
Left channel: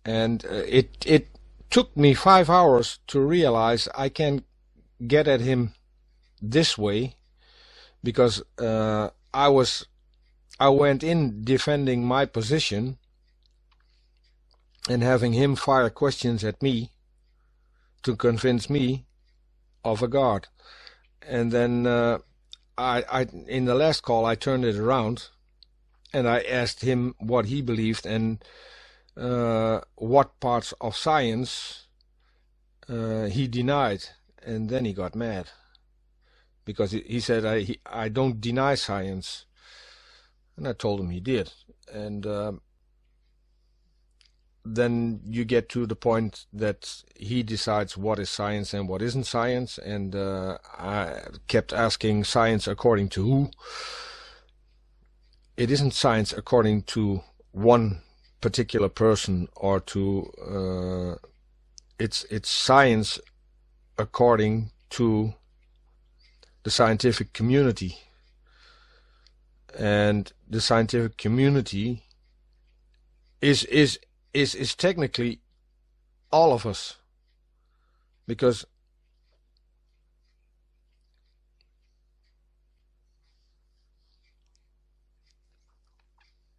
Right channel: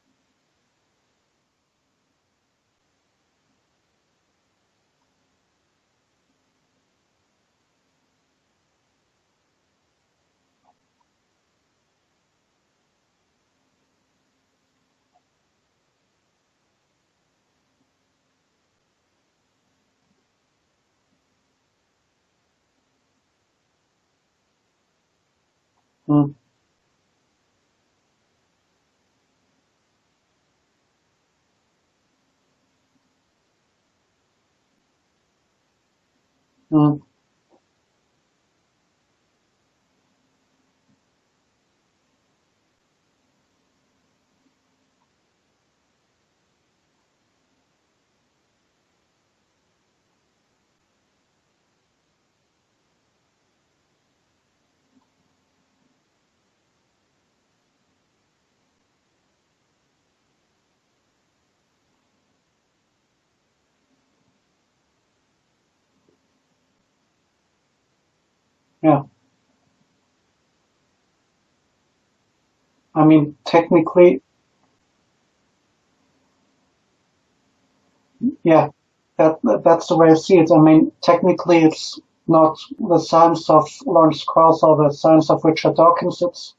And it took me 5 hours to realize I can get at him this way, because I went in defending my position and having him fire questions at me to convince me of a God. And then I in the last call I turned it around and I asked him what he believed and what parts of science he denied, and then he got mad because he said I don't deny science, and I told him he did. And then you get to the point that he decides what is science and what isn't science, and I kept asking, science according to who? It isn't science according to one particular person, or to it's science according to the scientific community. Yeah. And the scientific community, I mean, technically, is technically all of us. Because yeah, that's the way I see it. I mean, technically, it's not the science of Lawrence Krauss or the science of Richard Dawkins. It's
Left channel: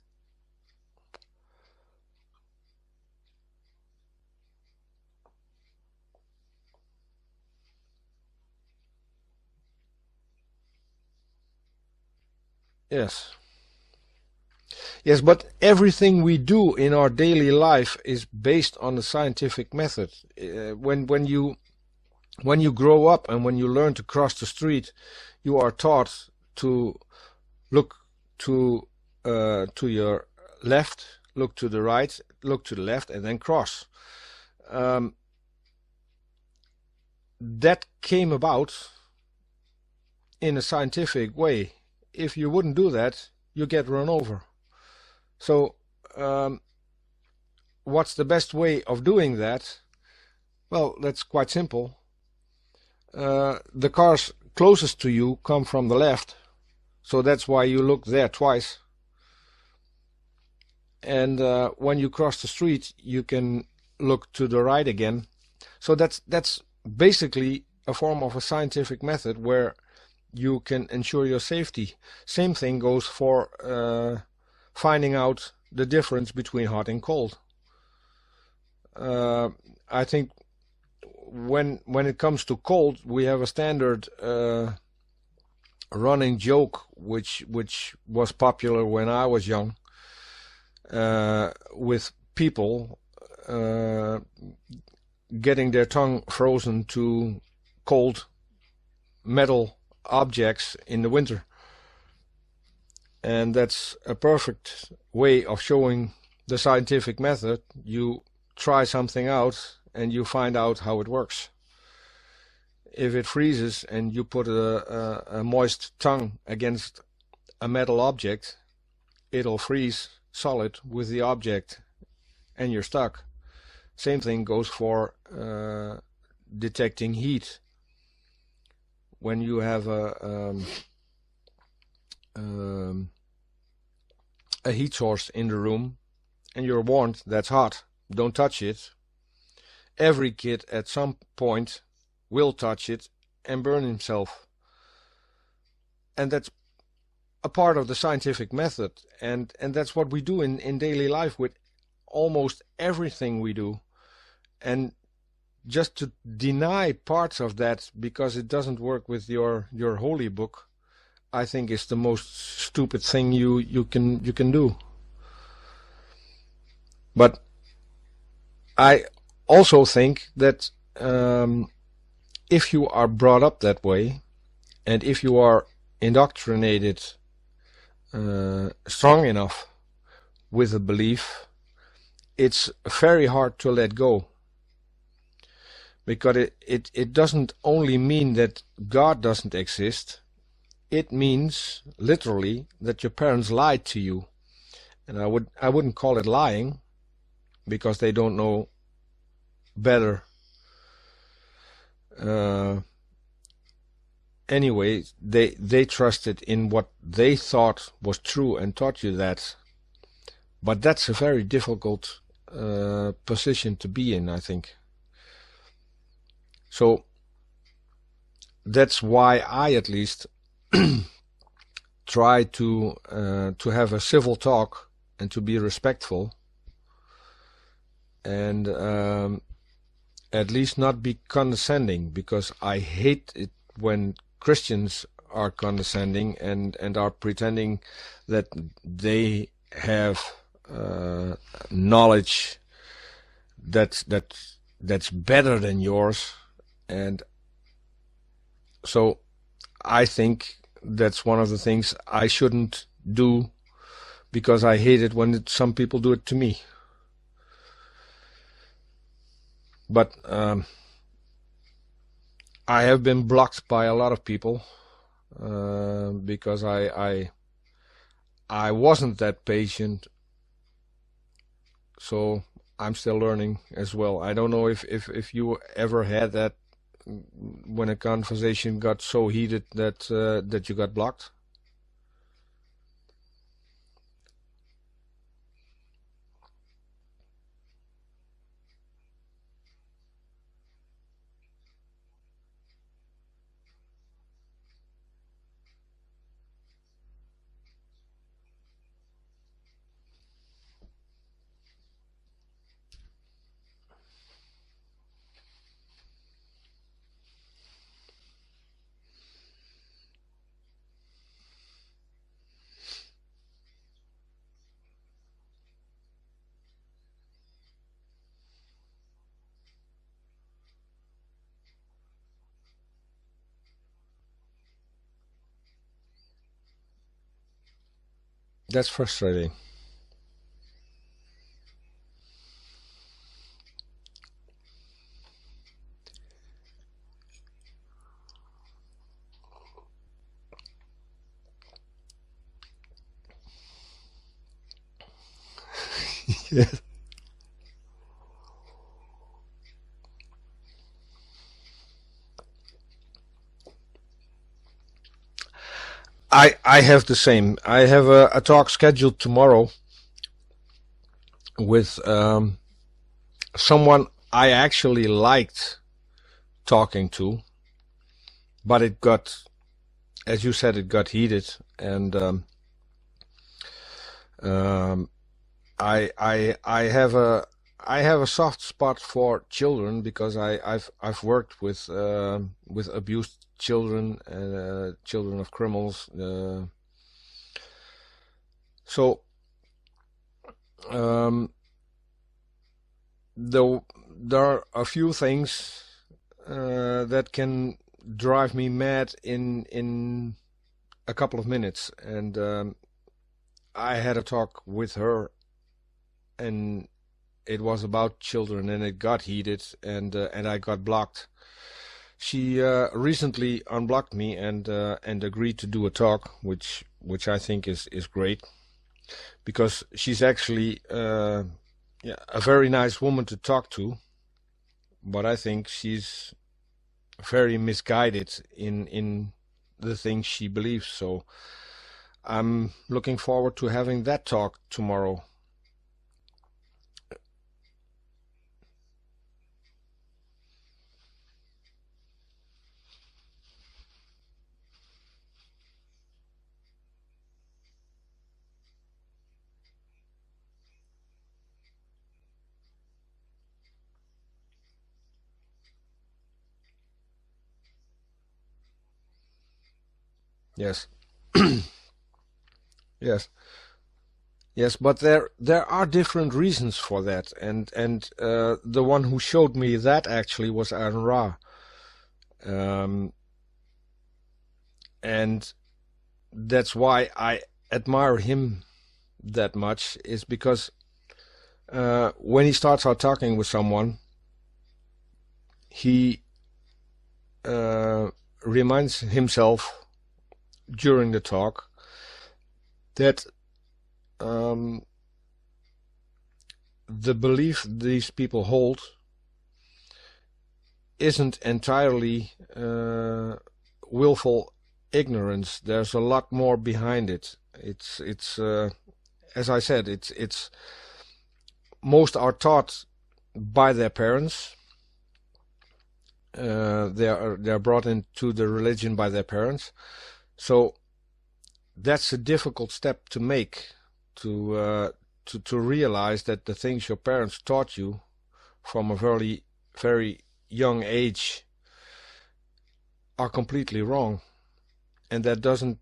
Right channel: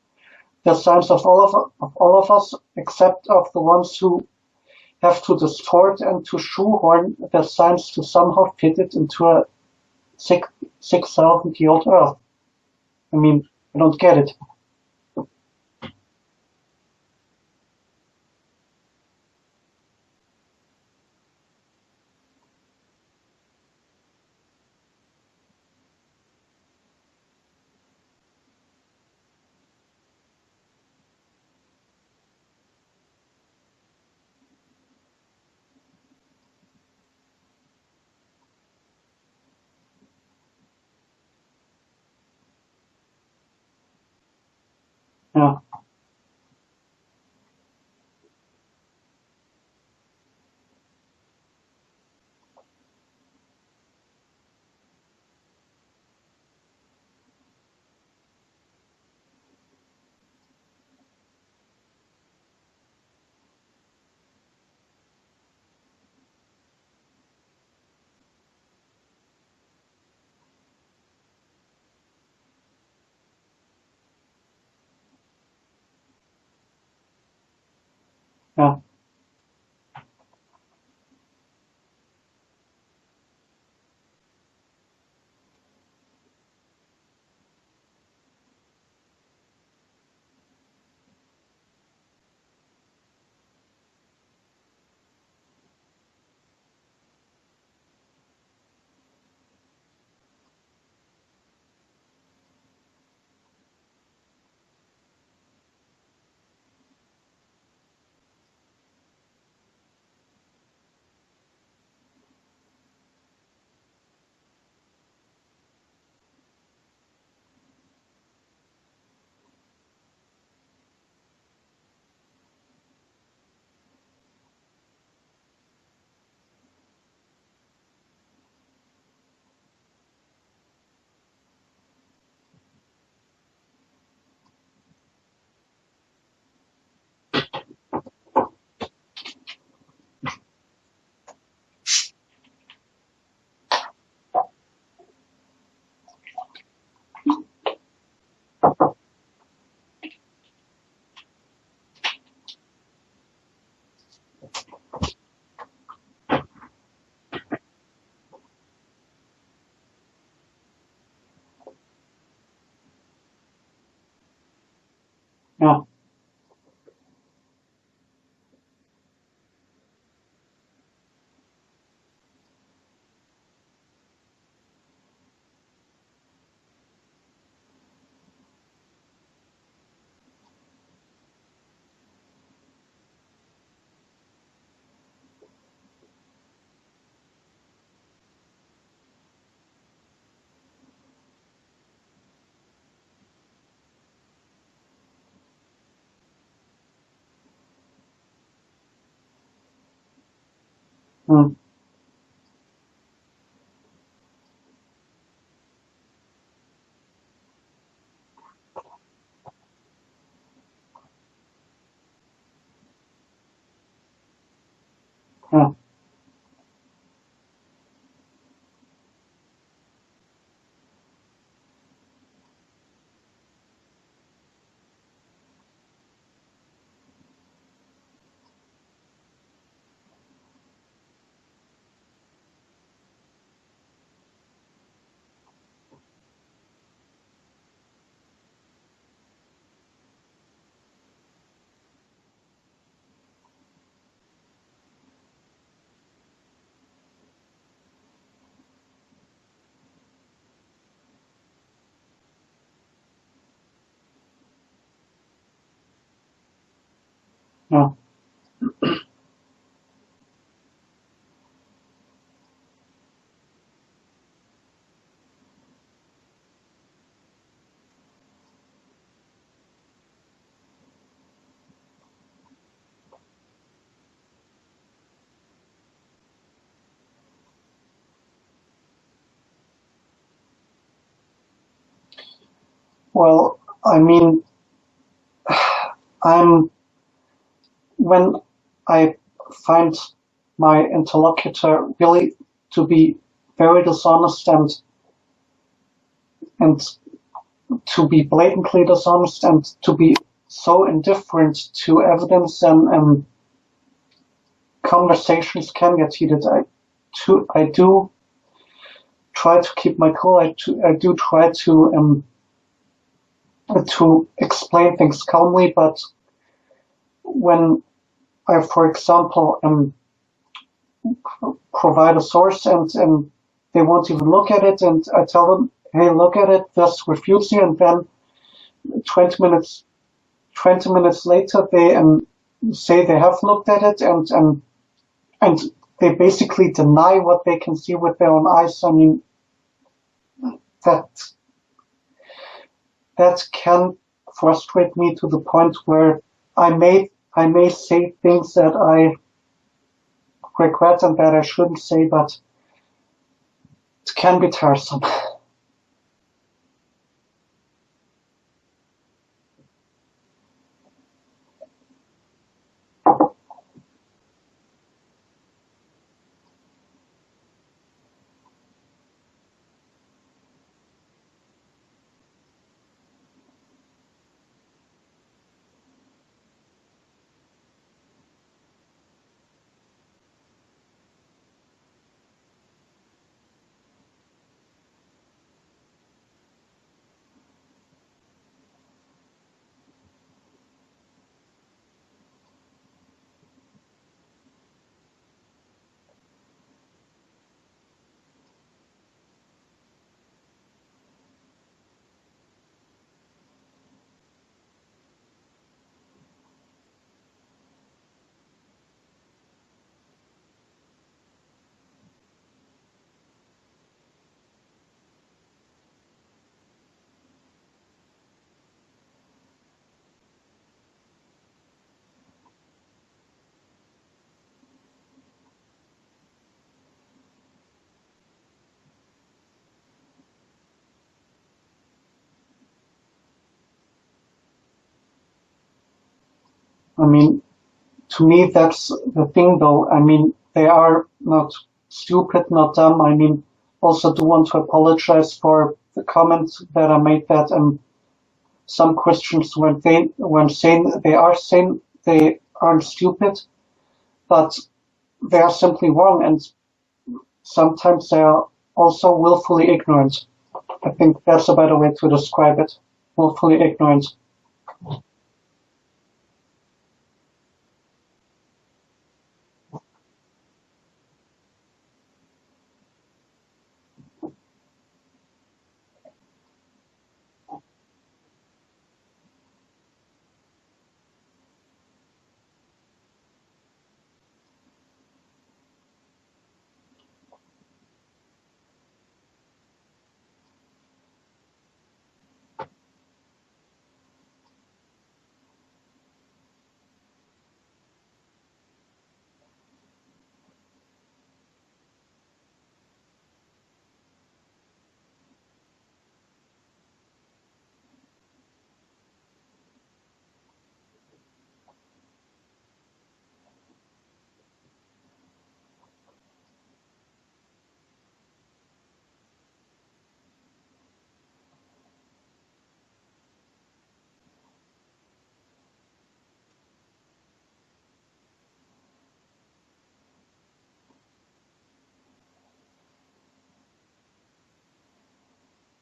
the science of all of us, except of the ones who have to distort and to shoehorn the science to somehow fit it into a 6,000-year-old Earth. yes. I mean, I don't get it. Yes, but everything we do in our daily life is based on the scientific method. When you grow up and when you learn to cross the street, you are taught to look to your left, look to the right, look to the left, and then cross. That came about in a scientific way. If you wouldn't do that, you get run over. Yeah. So, what's the best way of doing that? Well, that's quite simple. The cars closest to you come from the left, so that's why you look there twice. And when you cross the street, you can look to the right again. So that's basically a form of a scientific method where you can ensure your safety. Same thing goes for finding out the difference between hot and cold. Yeah. I think when it comes to cold, we have a standard running joke which was popular when I was young, with people getting their tongue frozen to cold metal objects in the winter. And that's a perfect way of showing the scientific method. You try something out and you find out how it works. If it freezes and you put a moist tongue against a metal object, it'll freeze solid with the object and you're stuck. Same thing goes for detecting heat. When you have a heat source in the room and you're warned that's hot, don't touch it. Every kid at some point will touch it and burn himself. And that's a part of the scientific method, and that's what we do in daily life with almost everything we do. And just to deny parts of that because it doesn't work with your holy book, I think is the most stupid thing you can do. Yeah. But I also think that if you are brought up that way, and if you are indoctrinated strong enough with a belief, it's very hard to let go. Because it doesn't only mean that God doesn't exist, it means literally that your parents lied to you. And I wouldn't call it lying, because they don't know better. Anyway, they trusted in what they thought was true and taught you that. But that's a very difficult position to be in, I think. So that's why I at least try to have a civil talk and to be respectful, and at least not be condescending, because I hate it when Christians are condescending and are pretending that they have knowledge that's better than yours. And so I think that's one of the things I shouldn't do, because I hate it when some people do it to me. Yeah. But I have been blocked by a lot of people because I wasn't that patient, so I'm still learning as well. I don't know if you ever had that when a conversation got so heated that that you got blocked. Well, I mean, I'm when I find my interlocutor really to be very dishonest and to be blatantly dishonest and to be so indifferent to evidence and conversations can get heated. I do try to keep my cool. I do try to explain things calmly, but when I, for example, provide a source and they won't even look at it, and I tell them, "Hey, look at it. This refutes you," and then That's 20 frustrating. minutes 20 minutes later they say they have looked at it and they basically deny what they can see with their own eyes. I mean, that that can frustrate me to the point where I may say things that I regret and that I shouldn't say, but it can be tiresome. I have the same. I have a talk scheduled tomorrow with someone I actually liked talking to, but it got, as you said, it got heated, and um, I have a soft spot for children because I've worked with abused children and children of criminals. So um, though there are a few things that can drive me mad in a couple of minutes, and I had a talk with her, and it was about children, and it got heated, and I got blocked. She recently unblocked me and agreed to do a talk, which I think is great because she's actually yeah, a very nice woman to talk to, but I think she's very misguided in the things she believes. So I'm looking forward to having that talk tomorrow. I mean, to me, that's the thing, though. I mean, they are not stupid, not dumb. I mean, also do want to apologize for the comments that I made that some Christians when saying they aren't stupid, but they are simply wrong, and sometimes they are also willfully ignorant. Yes, I think that's a better way to describe it. yes, Willfully ignorant. yes. But there are different reasons for that, and the one who showed me that actually was Aaron Ra, um, and that's why I admire him that much. Is because when he starts out talking with someone, he uh, reminds himself during the talk that um, the belief these people hold isn't entirely willful ignorance. There's a lot more behind it. It's as I said, it's most are taught by their parents. They're brought into the religion by their parents. So that's a difficult step to make to to realize that the things your parents taught you from a very young age are completely wrong, and that doesn't,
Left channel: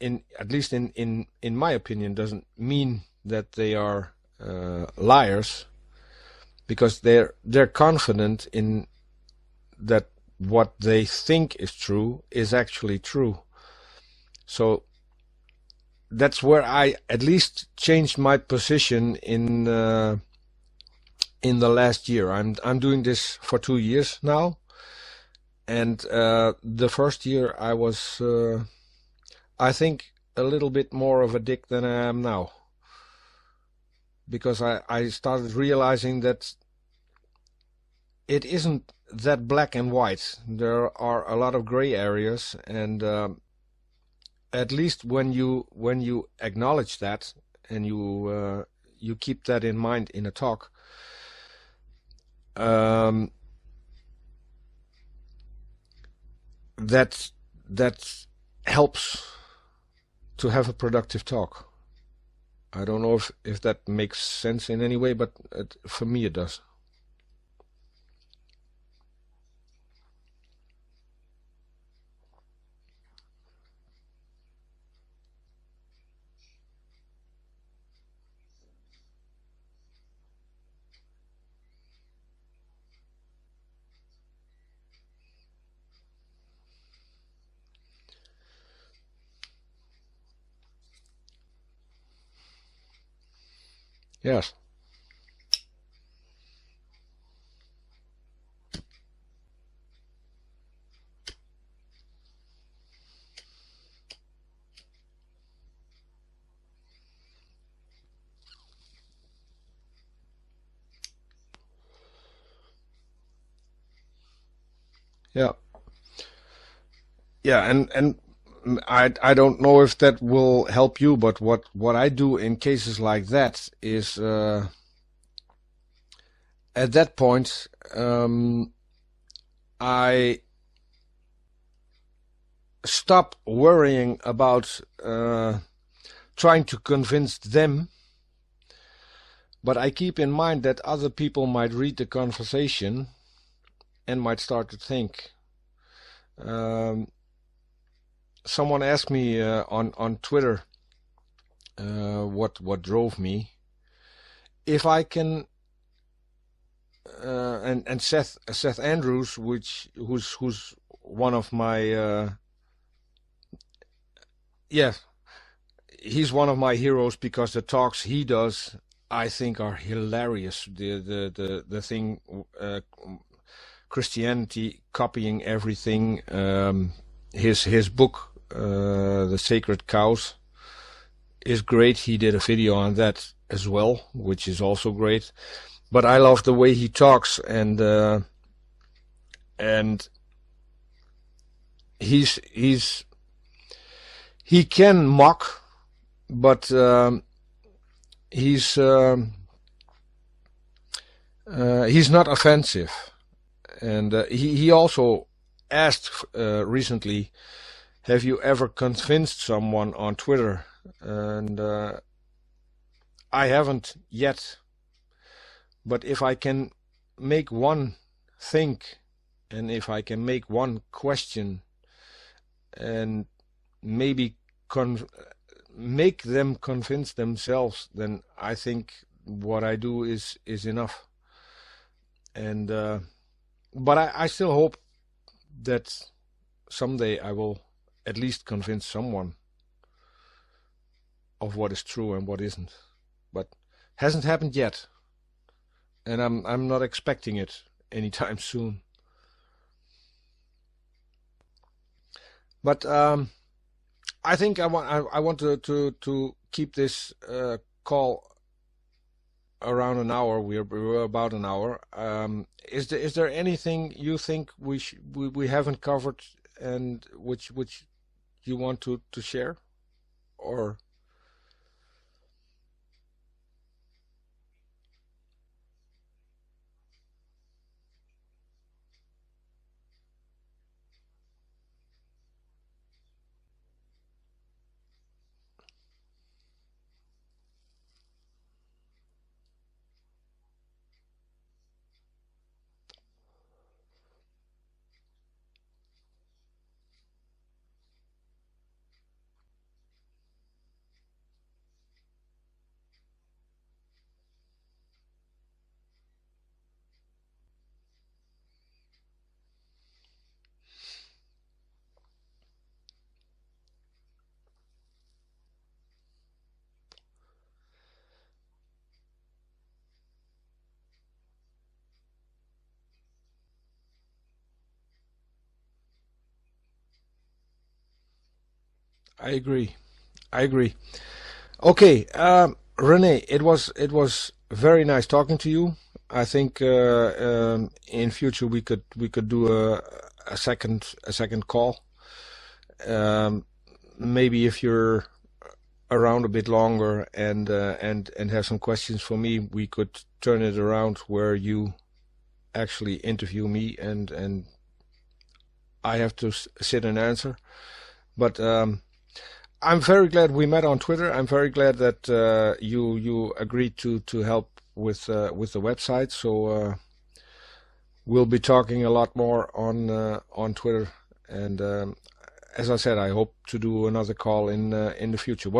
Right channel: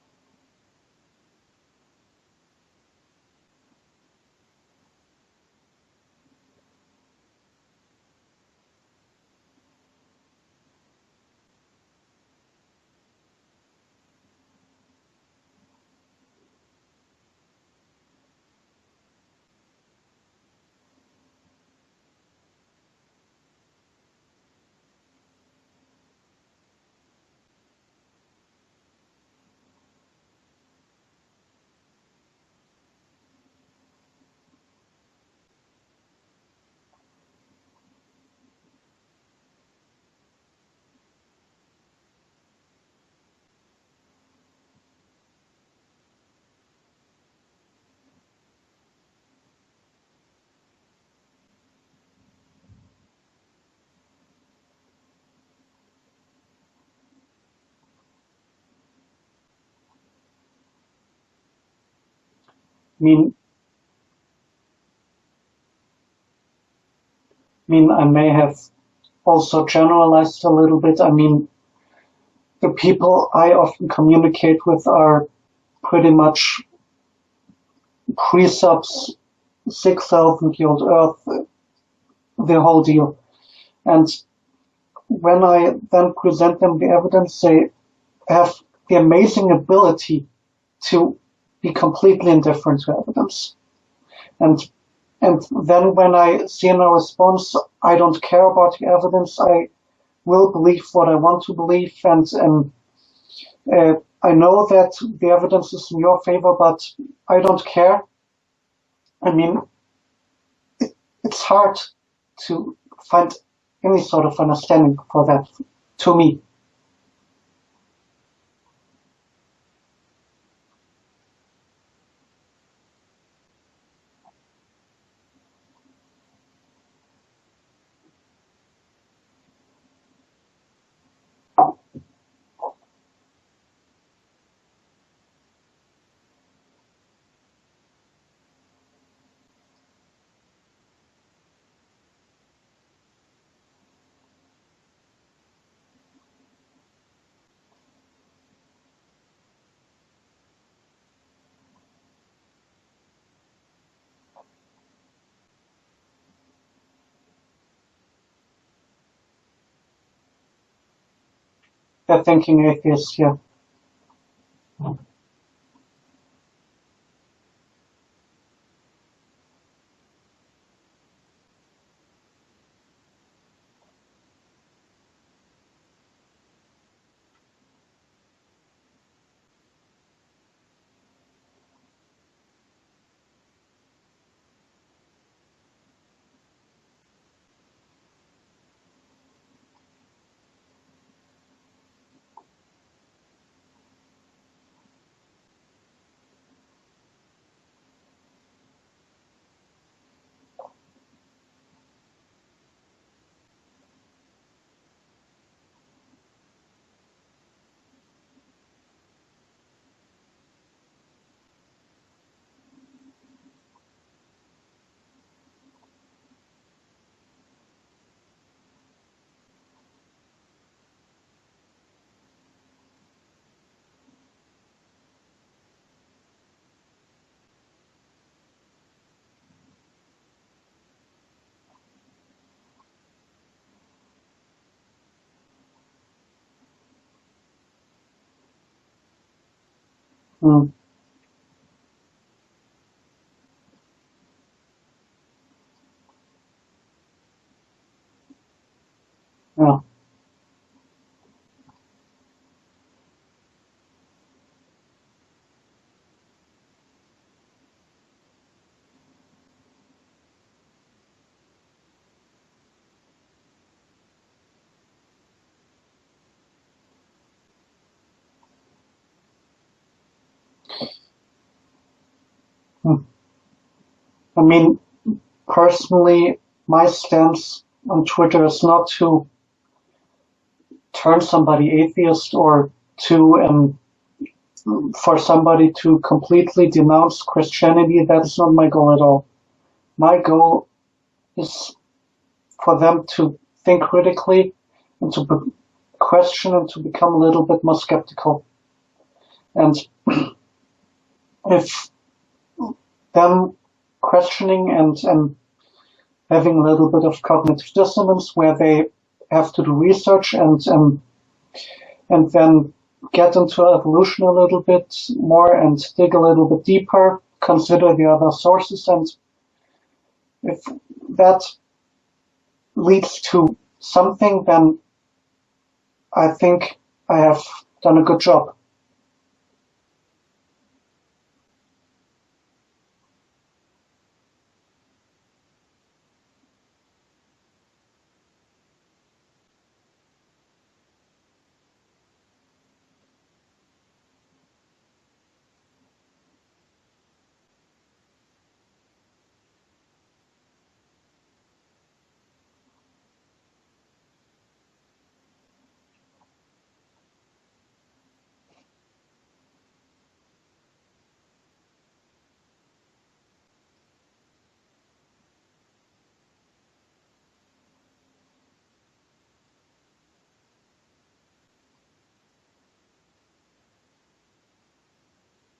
in at least in my opinion, doesn't mean that they are liars, because they're confident in that what they think is true is actually true. So that's where I at least changed my position in the last year. I'm doing this for 2 years now, and the first year I was, I think, a little bit more of a dick than I am now, because I started realizing that it isn't that black and white. There are a lot of gray areas, and at least when you acknowledge that and you keep that in mind in a talk, that helps to have a productive talk. I don't know if that makes sense in any way, but for me it does. I mean, I may have also generalized a little bit. I mean, the people I often communicate with are pretty much pre-subs, 6,000-year-old Earth, the whole deal. And when I then present them the evidence, they have the amazing ability to be completely indifferent to evidence. Yes. And then when I see in a response, I don't care about the evidence, I will believe what I want to believe, and I know that the evidence is in your favor, but I don't care. I mean, it's hard to find any sort of understanding for that, to me. Yeah, and I don't know if that will help you, but what I do in cases like that is, at that point, I stop worrying about trying to convince them, but I keep in mind that other people might read the conversation and might start to think. Someone asked me on Twitter what drove me. If I can, and Seth Andrews, who's one of my thinking atheist, yeah. Yeah, he's one of my heroes because the talks he does, I think, are hilarious. The thing, Christianity copying everything. His book, The Sacred Cows, is great. He did a video on that as well, which is also great. But I love the way he talks, and he can mock, but he's not offensive. And he also asked recently, have you ever convinced someone on Twitter? And I haven't yet. But if I can make one think, and if I can make one question, and maybe make them convince themselves, then I think what I do is enough. And but I still hope that someday I will at least convince someone of what is true and what isn't. But hasn't happened yet, and I'm not expecting it anytime soon. Yeah. But I think I want to keep this call around an hour. We're about an hour. Is there anything you think we haven't covered, and which you want to share, or? I mean, personally, my stance on Twitter is not to turn somebody atheist or to for somebody to completely denounce Christianity. That's not my goal at all. My goal is for them to think critically and to question and to become a little bit more skeptical. And if them questioning and having a little bit of cognitive dissonance where they have to do research and then get into evolution a little bit more and dig a little bit deeper, consider the other sources, and if that leads to something, then I think I have done a good job. I agree. I agree. Okay, Rene, it was very nice talking to you. I think in future we could do a second call. Maybe if you're around a bit longer and have some questions for me, we could turn it around where you actually interview me and I have to sit and answer. But I'm very glad we met on Twitter. I'm very glad that you agreed to help with the website. So we'll be talking a lot more on Twitter. And as I said, I hope to do another call in the future.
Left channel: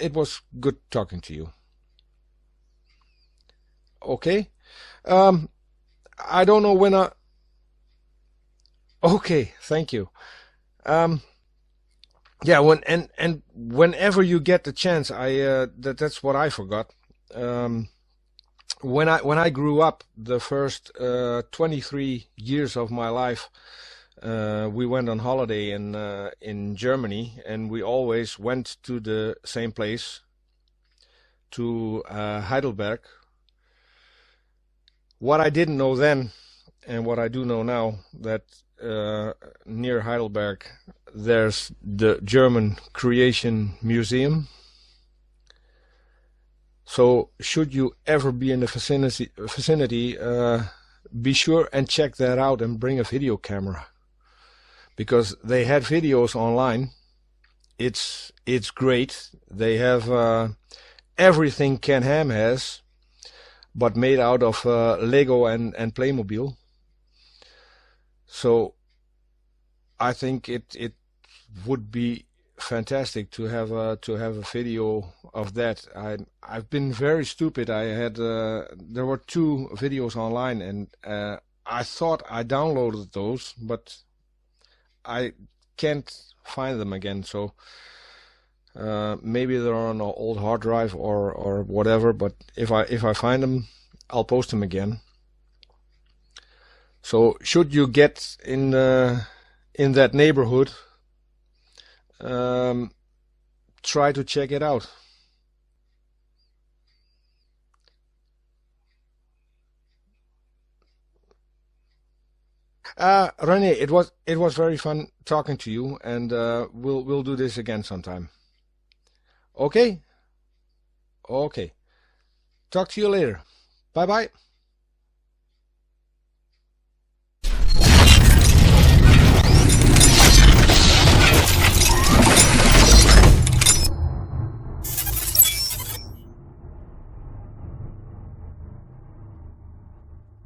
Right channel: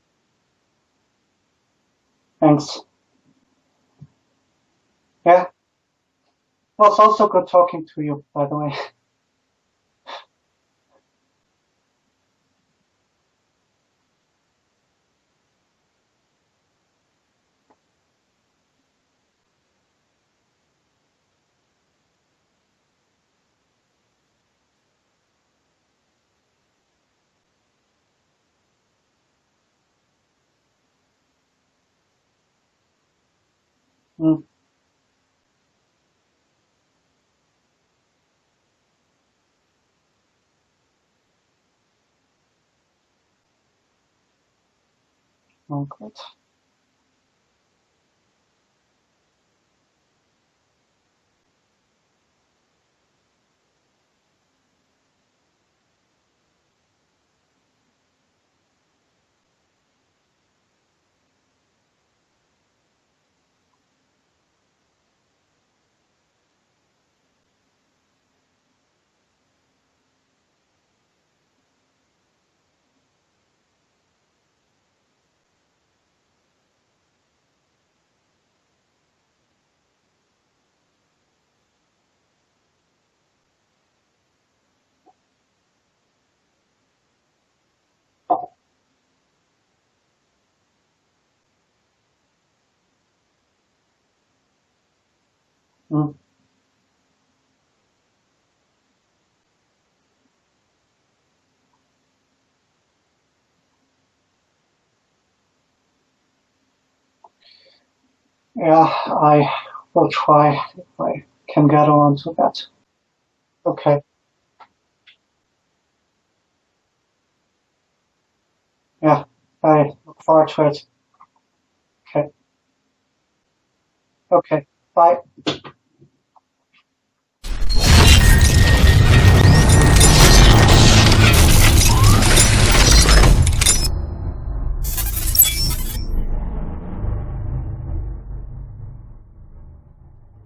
It was good talking to you. Thanks. Okay. Yeah. I don't know It when was also good talking to you, by the way. Okay, thank you. Yeah, whenever you get the chance, that's what I forgot. When I grew up, the first 23 years of my life, we went on holiday in Germany, and we always went to the same place, to Heidelberg. Mm. What I didn't know then, and what I do know now, that near Heidelberg there's the German Creation Museum. Oh, good. So should you ever be in the vicinity, be sure and check that out and bring a video camera, because they had videos online. It's great. They have everything Ken Ham has, but made out of Lego and Playmobil. So I think it would be fantastic to have a video of that. I've been very stupid. I had there were 2 videos online, and I thought I downloaded those, but I can't find them again. So maybe they're on an old hard drive or whatever. But if I find them, I'll post them again. Mm. So should you get in that neighborhood, try to check it out. Yeah, I will try if I can get on to that. Rene, Okay. it was very fun talking to you, and we'll do this again sometime. Yeah, I Okay? look forward to it. Okay. Okay. Talk to you later. Bye bye. Okay. Bye.